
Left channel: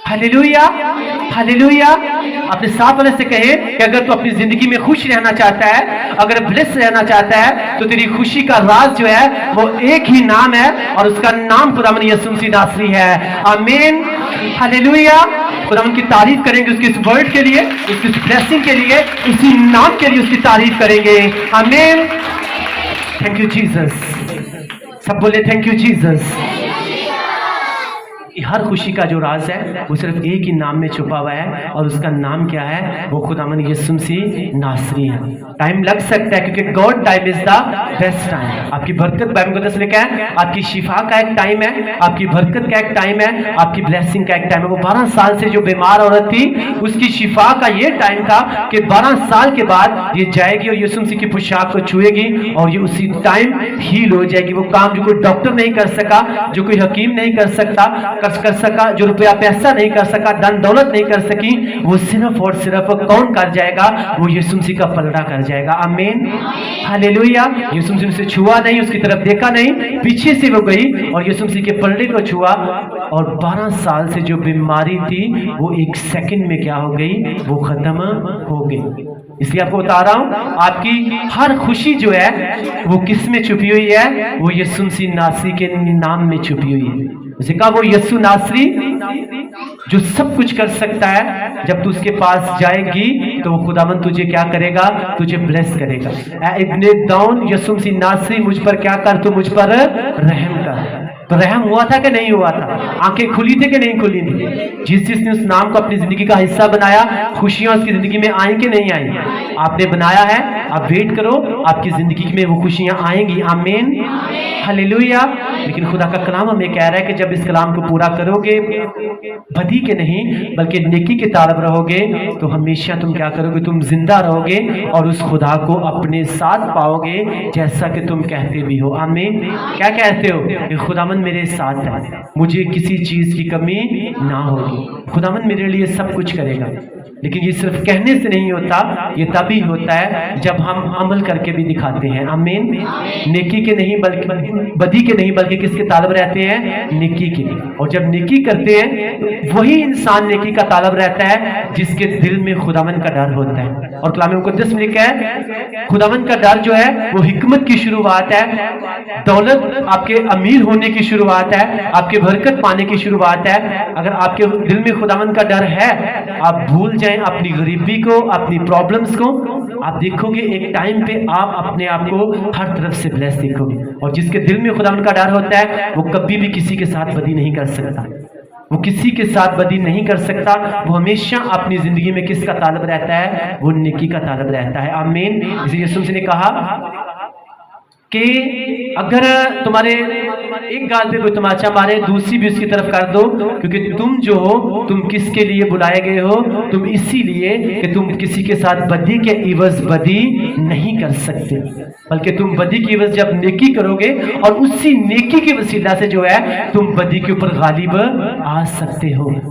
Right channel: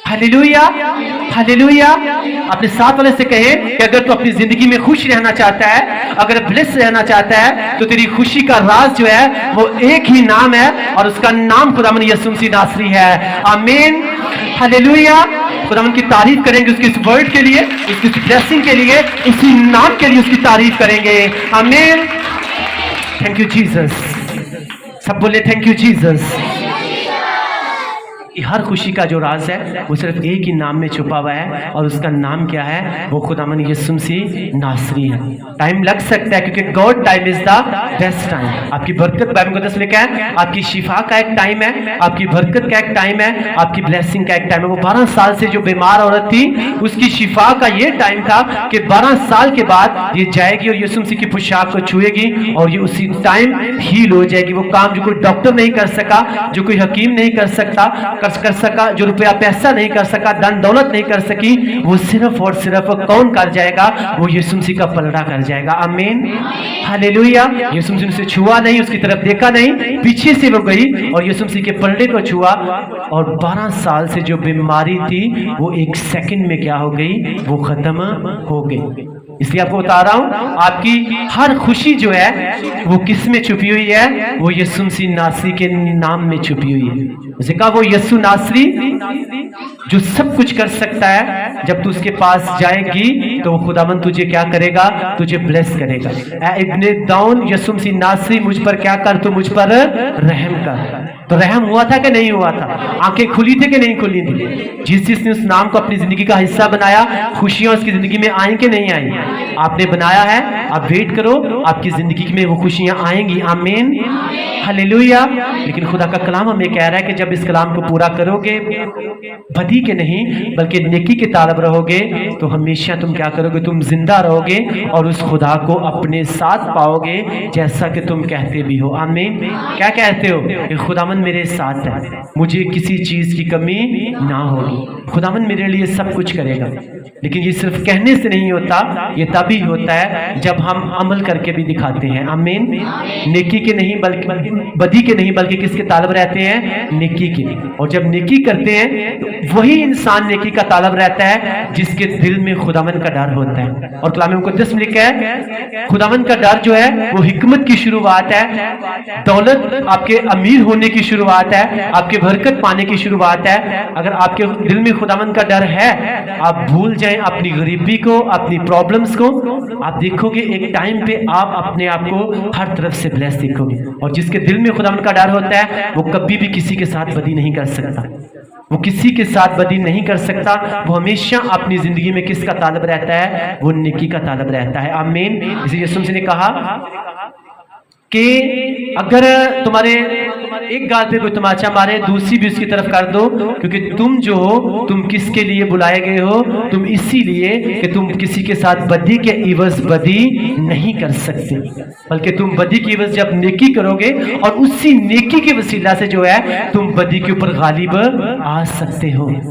Hallelujah, hallelujah. अपने साथ वाले से कहे कि अगर तू अपनी जिंदगी में खुश रहना चाहता है, अगर ब्लेस रहना चाहता है, तो तेरी खुशी का राज जो है वो एक ही नाम है और उसका नाम खुदावन यीशु मसीह नासरी है। आमीन। हालेलुया। खुदावन की तारीफ करेंगे उसके इस वर्ड के लिए, उसकी ब्लेसिंग के लिए, उसी नाम के लिए उसकी तारीफ करेंगे। आमीन। Thank you Jesus. सब बोले थैंक यू जीसस। हर खुशी का जो राज है वो सिर्फ एक ही नाम में छुपा हुआ है और उसका नाम क्या है? वो खुदावन यीशु मसीह नासरी है। टाइम लग सकता है क्योंकि God time is the best time. आपकी बरकत बाइबल मुकद्दस में क्या है? आपकी शिफा का एक टाइम है, आपकी बरकत का एक टाइम है, आपकी ब्लेसिंग का एक टाइम है। वो 12 साल से जो बीमार औरत थी उसकी शिफा का ये टाइम था कि 12 साल के बाद ये जाएगी और यीशु मसीह की पोशाक को छुएगी और ये उसी टाइम हील हो जाएगी। वो काम जो कोई डॉक्टर नहीं कर सका, जो कोई हकीम नहीं कर सका, जो रुपया पैसा नहीं कर सका, धन दौलत नहीं कर सकी, वो सिर्फ और सिर्फ कौन कर जाएगा? वो यीशु मसीह का पलड़ा कर जाएगा। आमीन। हालेलुया। यीशु मसीह से छुआ नहीं, उसकी तरफ देखा नहीं, पीछे से वो गई और यीशु मसीह के पलड़े को छुआ और 12 साल से जो बीमारी थी वो 1 सेकंड में क्या हो गई? वो खत्म हो गई। इसलिए आपको बता रहा हूं आपकी हर खुशी जो है वो किस में छुपी हुई है? वो यीशु मसीह नासरी के नाम में छुपी हुई है। उसे कहा वो यीशु नासरी जो सब कुछ कर सकता है, जब तू उसके पास जाएगी तो खुदावन तुझे क्या करेगा? तुझे ब्लेस करेगा। इब्ने दाऊन यीशु मसीह नासरी मुझ पर क्या कर? तू मुझ पर रहम कर। तो रहम हुआ था कि नहीं हुआ था? आंखें खुली थी कि नहीं खुली थी? जिसने उस नाम को अपनी जिंदगी का हिस्सा बनाया, खुशियां उसकी जिंदगी में आई कि नहीं आई? आपने बनाया है, आप वेट करो, आपकी जिंदगी में वो खुशियां आएंगी। आमीन, हालेलुया। लेकिन खुदा का कलाम हमें कह रहा है कि जब इस कलाम को पूरा करोगे, बदी के नहीं बल्कि नेकी के तालब रहोगे, तो हमेशा तुम क्या करोगे? तुम जिंदा रहोगे और उस खुदा को अपने साथ पाओगे, जैसा कि तुम कहते भी हो। आमीन। क्या कहते हो? कि खुदावन मेरे साथ है, मुझे किसी चीज की कमी ना होगी, खुदावन मेरे लिए सब कुछ करेगा। लेकिन ये सिर्फ कहने से नहीं होता, ये तभी होता है जब हम अमल करके भी दिखाते हैं। आमीन। नेकी के नहीं बल्कि बदी के नहीं बल्कि किसके तालब रहते हैं? नेकी के। और जब नेकी करते हैं, वही इंसान नेकी का तालब रहता है जिसके दिल में खुदावन का डर होता है। और कलाम मुक़द्दस में लिखा है, खुदावन का डर जो है वो हिकमत की शुरुआत है, दौलत आपके अमीर होने की शुरुआत है, आपके बरकत पाने की शुरुआत है। अगर आपके दिल में खुदावन का डर है, आप भूल जाएं अपनी गरीबी को, अपनी प्रॉब्लम्स को, आप देखोगे एक टाइम पे आप अपने आप को हर तरफ से ब्लेस देखोगे। और जिसके दिल में खुदावन का डर होता है, वो कभी भी किसी के साथ बदी नहीं कर सकता, वो किसी के साथ बदी नहीं कर सकता। वो हमेशा अपनी जिंदगी में किसका तालब रहता है? वो नेकी का तालब रहता है। आमीन। इसलिए यीशु ने कहा कि अगर तुम्हारे एक गाल पे कोई तमाचा मारे, दूसरी भी उसकी तरफ कर दो, क्योंकि तुम जो हो, तुम किसके लिए बुलाए गए हो? तुम इसीलिए कि तुम किसी के साथ बदी के इवज बदी नहीं कर सकते, बल्कि तुम बदी की इवज जब नेकी करोगे और उसी नेकी के वसीला से जो है तुम बदी के ऊपर गालिब आ सकते हो।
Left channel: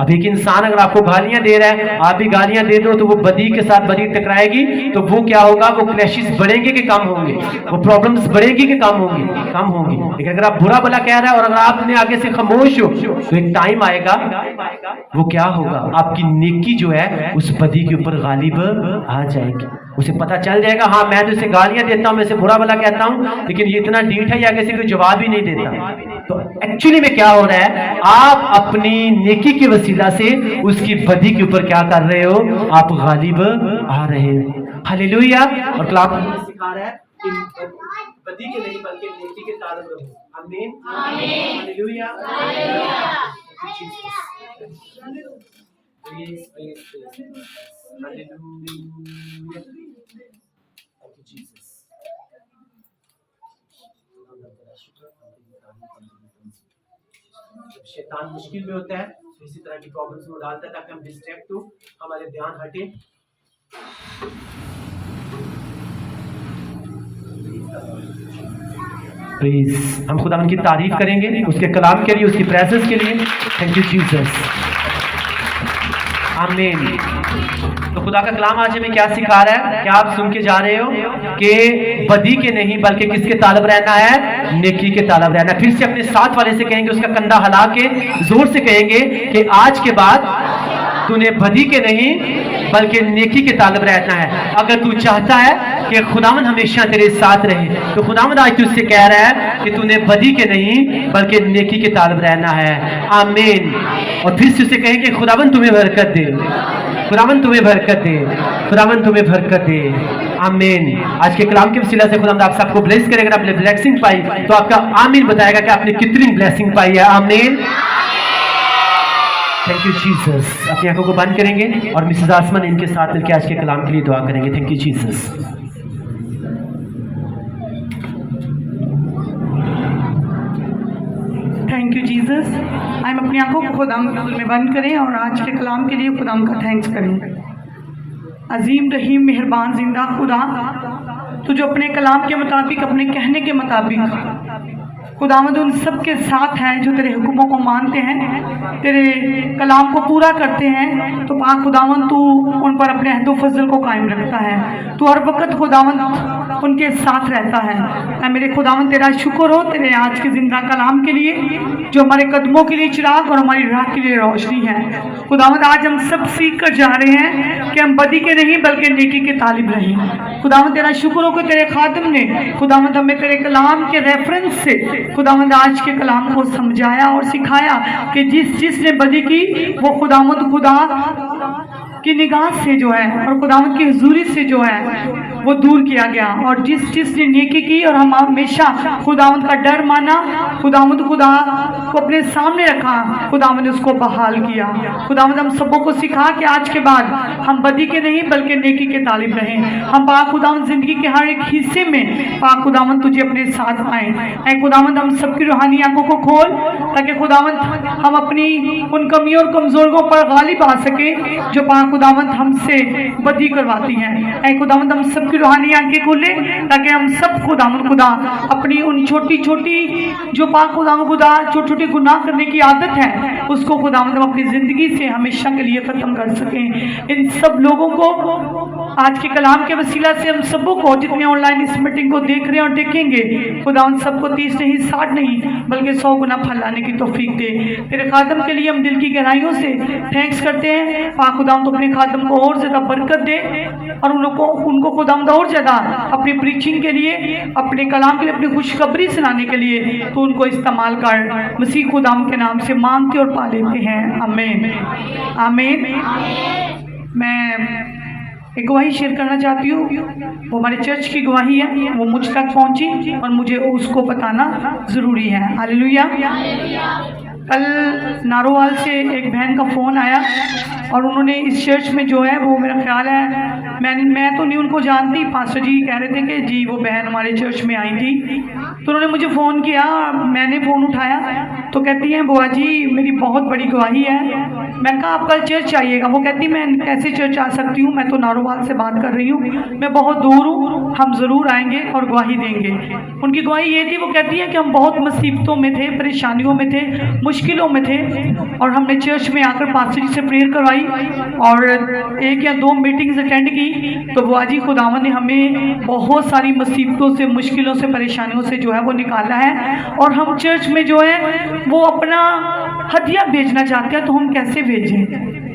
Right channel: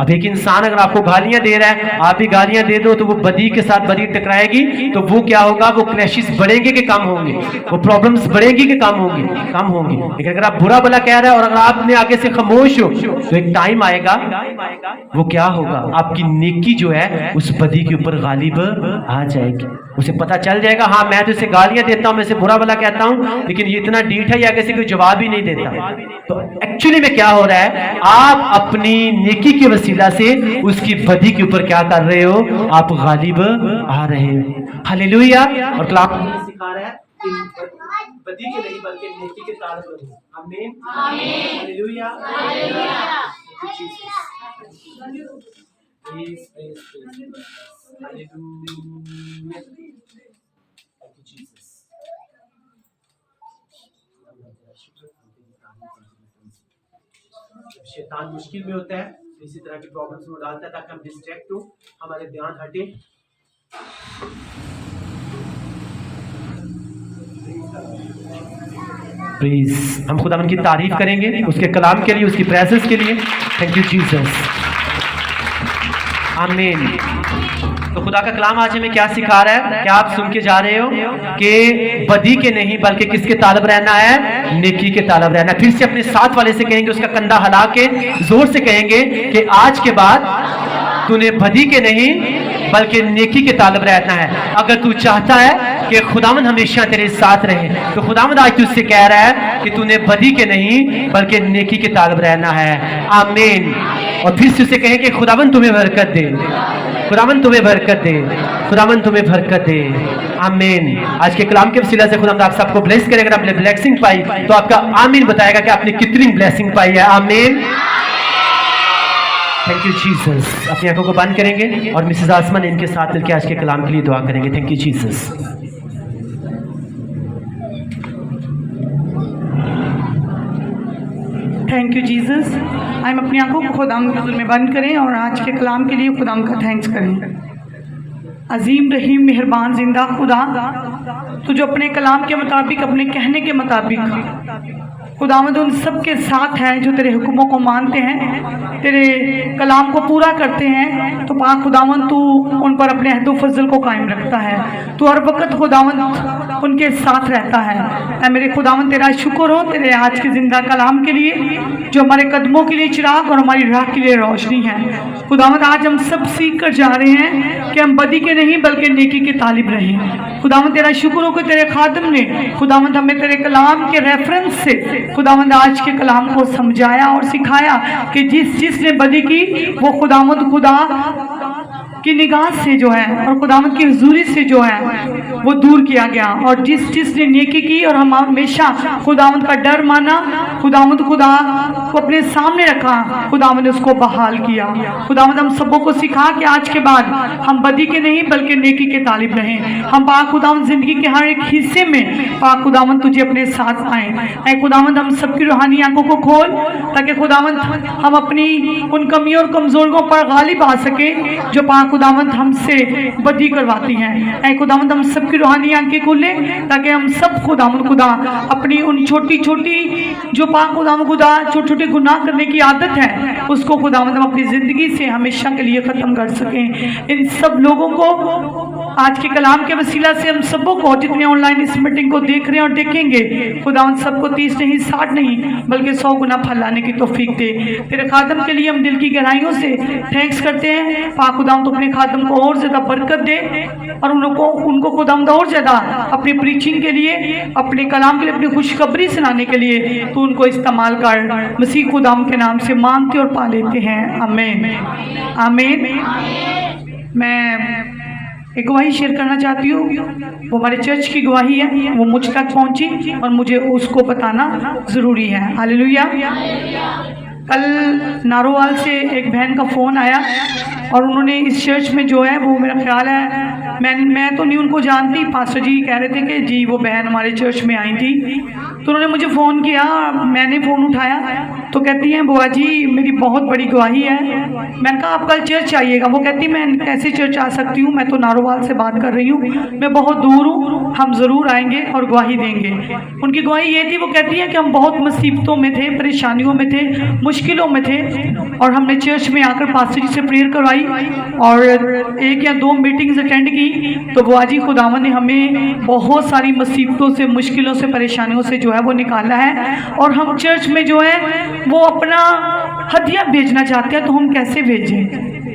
अब एक इंसान अगर आपको गालियां दे रहा है, आप भी गालियां दे दो, तो वो बदी के साथ बदी टकराएगी, तो वो क्या होगा? वो क्लैशेस बढ़ेंगे कि कम होंगे? वो प्रॉब्लम्स बढ़ेगी कि कम होंगी? कम होंगी। लेकिन अगर आप बुरा भला कह रहे हैं और अगर आपने आगे से खामोश हो, तो एक टाइम आएगा, वो क्या होगा? आपकी नेकी जो है उस बदी के ऊपर गालिब आ जाएगी। उसे पता चल जाएगा, हाँ मैं तो इसे गालियां देता हूं, मैं इसे बुरा भला कहता हूं, लेकिन ये इतना डीठ है, ये आगे से कोई जवाब ही नहीं देता। तो एक्चुअली में क्या हो रहा है? आप अपनी नेकी के वसीला से उसकी बदी के ऊपर क्या कर रहे हो? आप गालिब आ रहे हो। हालेलुया। और कलाम सिखा रहा है कि बदी के नहीं बल्कि नेकी के तालब रहो। आमीन, hallelujah, hallelujah. Please please please, hallelujah. Thank you Jesus. जब शैतान मुश्किल में होता है, तो इसी तरह की प्रॉब्लम्स में डालता है ताकि हम डिस्ट्रैक्ट हो, हमारे ध्यान हटे। प्लीज हम खुदा की तारीफ करेंगे उसके कलाम के लिए, उसकी प्रेजेंस के लिए। Thank you Jesus. आमीन। तो खुदा का कलाम आज हमें क्या सिखा रहा है? क्या आप सुन के जा रहे हो कि बदी के नहीं बल्कि किसके तालब रहना है? नेकी के तालब रहना। फिर से अपने साथ वाले से कहेंगे, उसका कंधा हिला के जोर से कहेंगे कि आज के बाद तूने बदी के नहीं बल्कि नेकी के तालब रहना है। अगर तू चाहता है कि खुदावंद हमेशा तेरे साथ रहे, तो खुदावंद आज तुझसे कह रहा है कि तूने बदी के नहीं बल्कि नेकी के तालब रहना है। आमीन। और फिर से उसे कहें कि खुदावंद तुम्हें बरकत दे, खुदावंद तुम्हें बरकत दे, खुदावंद तुम्हें बरकत दे। आमीन। आज के कलाम के वसीला से खुदावंद आप सबको ब्लेस करेगा। आपने ब्लेसिंग पाई तो आपका आमीन बताएगा कि आपने कितनी ब्लेसिंग पाई है। आमीन। Thank you Jesus. अपनी आंखों को बंद करेंगे और मिसेस आसमान इनके साथ मिलकर आज के कलाम के लिए दुआ करेंगे। Thank you Jesus. Thank you Jesus. हम अपनी आंखों को खुदाम के हुज़ूर में बंद करें और आज के कलाम के लिए खुदाम का थैंक्स करें। अजीम रहीम मेहरबान जिंदा खुदा, तू जो अपने कलाम के मुताबिक, अपने कहने के मुताबिक खुदावंद उन सब के साथ है जो तेरे हुक्मों को मानते हैं, तेरे कलाम को पूरा करते हैं। तो पाक खुदावंद तू उन पर अपने अहद फजल को कायम रखता है। तू हर वक्त खुदावंद उनके साथ रहता है। ऐ मेरे खुदावंद तेरा शुक्र हो तेरे आज के जिंदा कलाम के लिए, जो हमारे कदमों के लिए चिराग और हमारी राह के लिए रोशनी है। खुदावंद आज हम सब सीख कर जा रहे हैं कि हम बदी के नहीं बल्कि नेकी के तालिब रहें। खुदावंद तेरा शुक्र हो कि तेरे खादिम ने खुदावंद हमें तेरे कलाम के रेफरेंस से खुदावंद आज के कलाम को समझाया और सिखाया कि जिसने बदी की वो खुदावंद खुदा की निगाह से जो है और खुदावंद की हुजूरी से जो है वो दूर किया गया, और जिसने नेकी की और हम हमेशा खुदावंद का डर माना, खुदावंद खुदा को अपने सामने रखा, खुदावंद ने उसको बहाल किया। खुदावंद हम सबों को सिखा कि आज के बाद हम बदी के नहीं बल्कि नेकी के तालिब रहें। हम पाक खुदावंद जिंदगी के हर एक हिस्से में पाक खुदावंद तुझे अपने साथ पाएं। ऐ खुदावंद हम सबकी रूहानी आंखों को खोल, ताकि खुदावंद हम अपनी उन कमियों और कमजोरियों पर गालिब आ सके जो पाक खुदावंद हमसे बदी करवाती हैं। ऐ खुदावंद हम सबकी रूहानी आंखें खोले, ताकि हम सब खुदावंद खुदा अपनी उन छोटी छोटी जो पाक खुदावंद खुदा छोटे छोटे गुनाह करने की आदत है उसको खुदावंद हम अपनी जिंदगी से हमेशा के लिए खत्म कर सकें। इन सब लोगों को आज के कलाम के वसीला से हम सबों को जितने ऑनलाइन इस मीटिंग को देख रहे हैं और देखेंगे, खुदावंद सबको 30 नहीं 60 नहीं बल्कि 100 गुना फल लाने की तौफीक दे। तेरे खादम के लिए हम दिल की गहराइयों से थैंक्स करते हैं। पाक खुदावंद तो अपने खादम को और ज्यादा बरकत दे और उनको खुदावंद और ज्यादा अपनी प्रीचिंग के लिए, अपने कलाम के लिए, अपनी खुशखबरी सुनाने के लिए तो उनको इस्तेमाल कर। मसीह खुदावंद के नाम से मांगते और पा लेते हैं, आमीन आमीन। मैं एक गवाही शेयर करना चाहती हूँ, वो हमारे चर्च की गवाही है, वो मुझ तक पहुंची और मुझे उसको बताना ज़रूरी है। हालेलुया। कल नारोवाल से एक बहन का फ़ोन आया और उन्होंने इस चर्च में जो है वो मेरा ख्याल है मैं तो नहीं उनको जानती, पास्टर जी कह रहे थे कि जी वो बहन हमारे चर्च में आई थी, तो उन्होंने मुझे फ़ोन किया, मैंने फ़ोन उठाया तो कहती हैं बुआ जी मेरी बहुत बड़ी गवाही है। मैंने कहा आप कल चर्च आइएगा। वो कहती मैं कैसे चर्च आ सकती हूँ, मैं तो नारोवाल से बात कर रही हूँ, मैं बहुत दूर हूँ, हम ज़रूर आएंगे और गवाही देंगे। उनकी गवाही ये थी, वो कहती है कि हम बहुत मुसीबतों में थे, परेशानियों में थे, मुश्किलों में थे और हमने चर्च में आकर पास्टर जी से प्रेयर करवाई और 1 या 2 मीटिंग्स अटेंड की, तो बुआ जी खुदावंद ने हमें बहुत सारी मुसीबतों से, मुश्किलों से, परेशानियों से जो है वो निकाला है और हम चर्च में जो है वो अपना हदिया भेजना चाहते हैं, तो हम कैसे भेजें?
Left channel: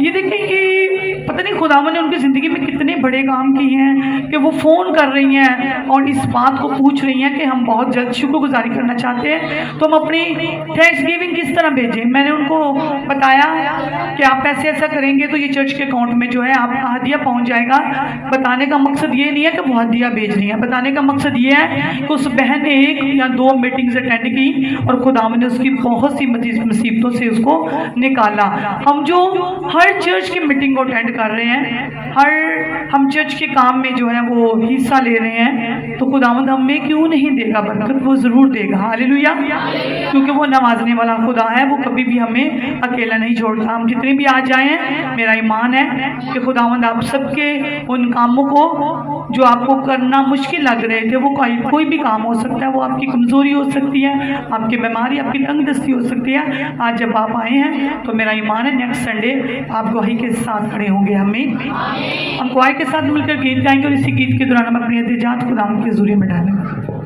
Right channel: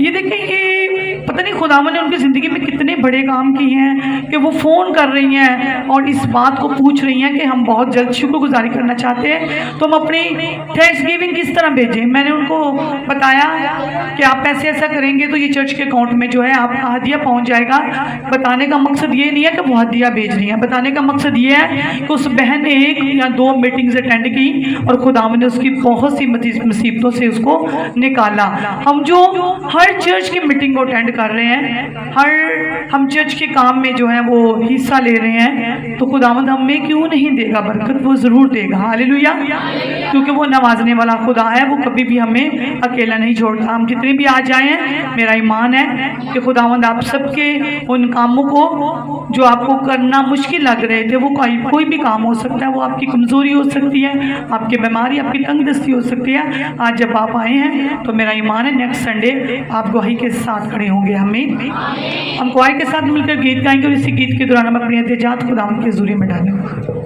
ये देखिए कि पता नहीं खुदावंद ने उनकी ज़िंदगी में कितने बड़े काम किए हैं कि वो फ़ोन कर रही हैं और इस बात को पूछ रही हैं कि हम बहुत जल्द शुक्रगुजारी करना चाहते हैं, तो हम अपनी थैंक्स गिविंग किस तरह भेजें। मैंने उनको बताया कि आप ऐसे ऐसा करेंगे तो ये चर्च के अकाउंट में जो है आपका हदिया पहुंच जाएगा। बताने का मकसद ये नहीं है कि वो हदिया भेज रही है, बताने का मकसद ये है कि उस बहन ने 1 या 2 मीटिंग्स अटेंड की और खुदावंद ने उसकी बहुत सी मुसीबतों से उसको निकाला। हम जो हर चर्च की मीटिंग को अटेंड कर रहे हैं, हम चर्च के काम में जो है वो हिस्सा ले रहे हैं, तो खुदावंद हमें क्यों नहीं देगा बरकत? वो ज़रूर देगा। हालेलुया। क्योंकि वो नवाजने वाला खुदा है, वो कभी भी हमें अकेला नहीं छोड़ता। हम जितने भी आ जाए हैं, मेरा ईमान है कि खुदावंद आप सबके उन कामों को जो आपको करना मुश्किल लग रहे थे, वो कोई भी काम हो सकता है, वो आपकी कमज़ोरी हो सकती है, आपकी बीमारी, आपकी तंगदस्ती हो सकती है। आज जब आप आए हैं तो मेरा ईमान है नेक्स्ट संडे आप गवाही के साथ खड़े होंगे। हम गवाही के साथ मिलकर गीत गाएंगे और इसी गीत के दौरान हम अपनी एहतिजात खुदावंद के हुज़ूरी में डालेंगे।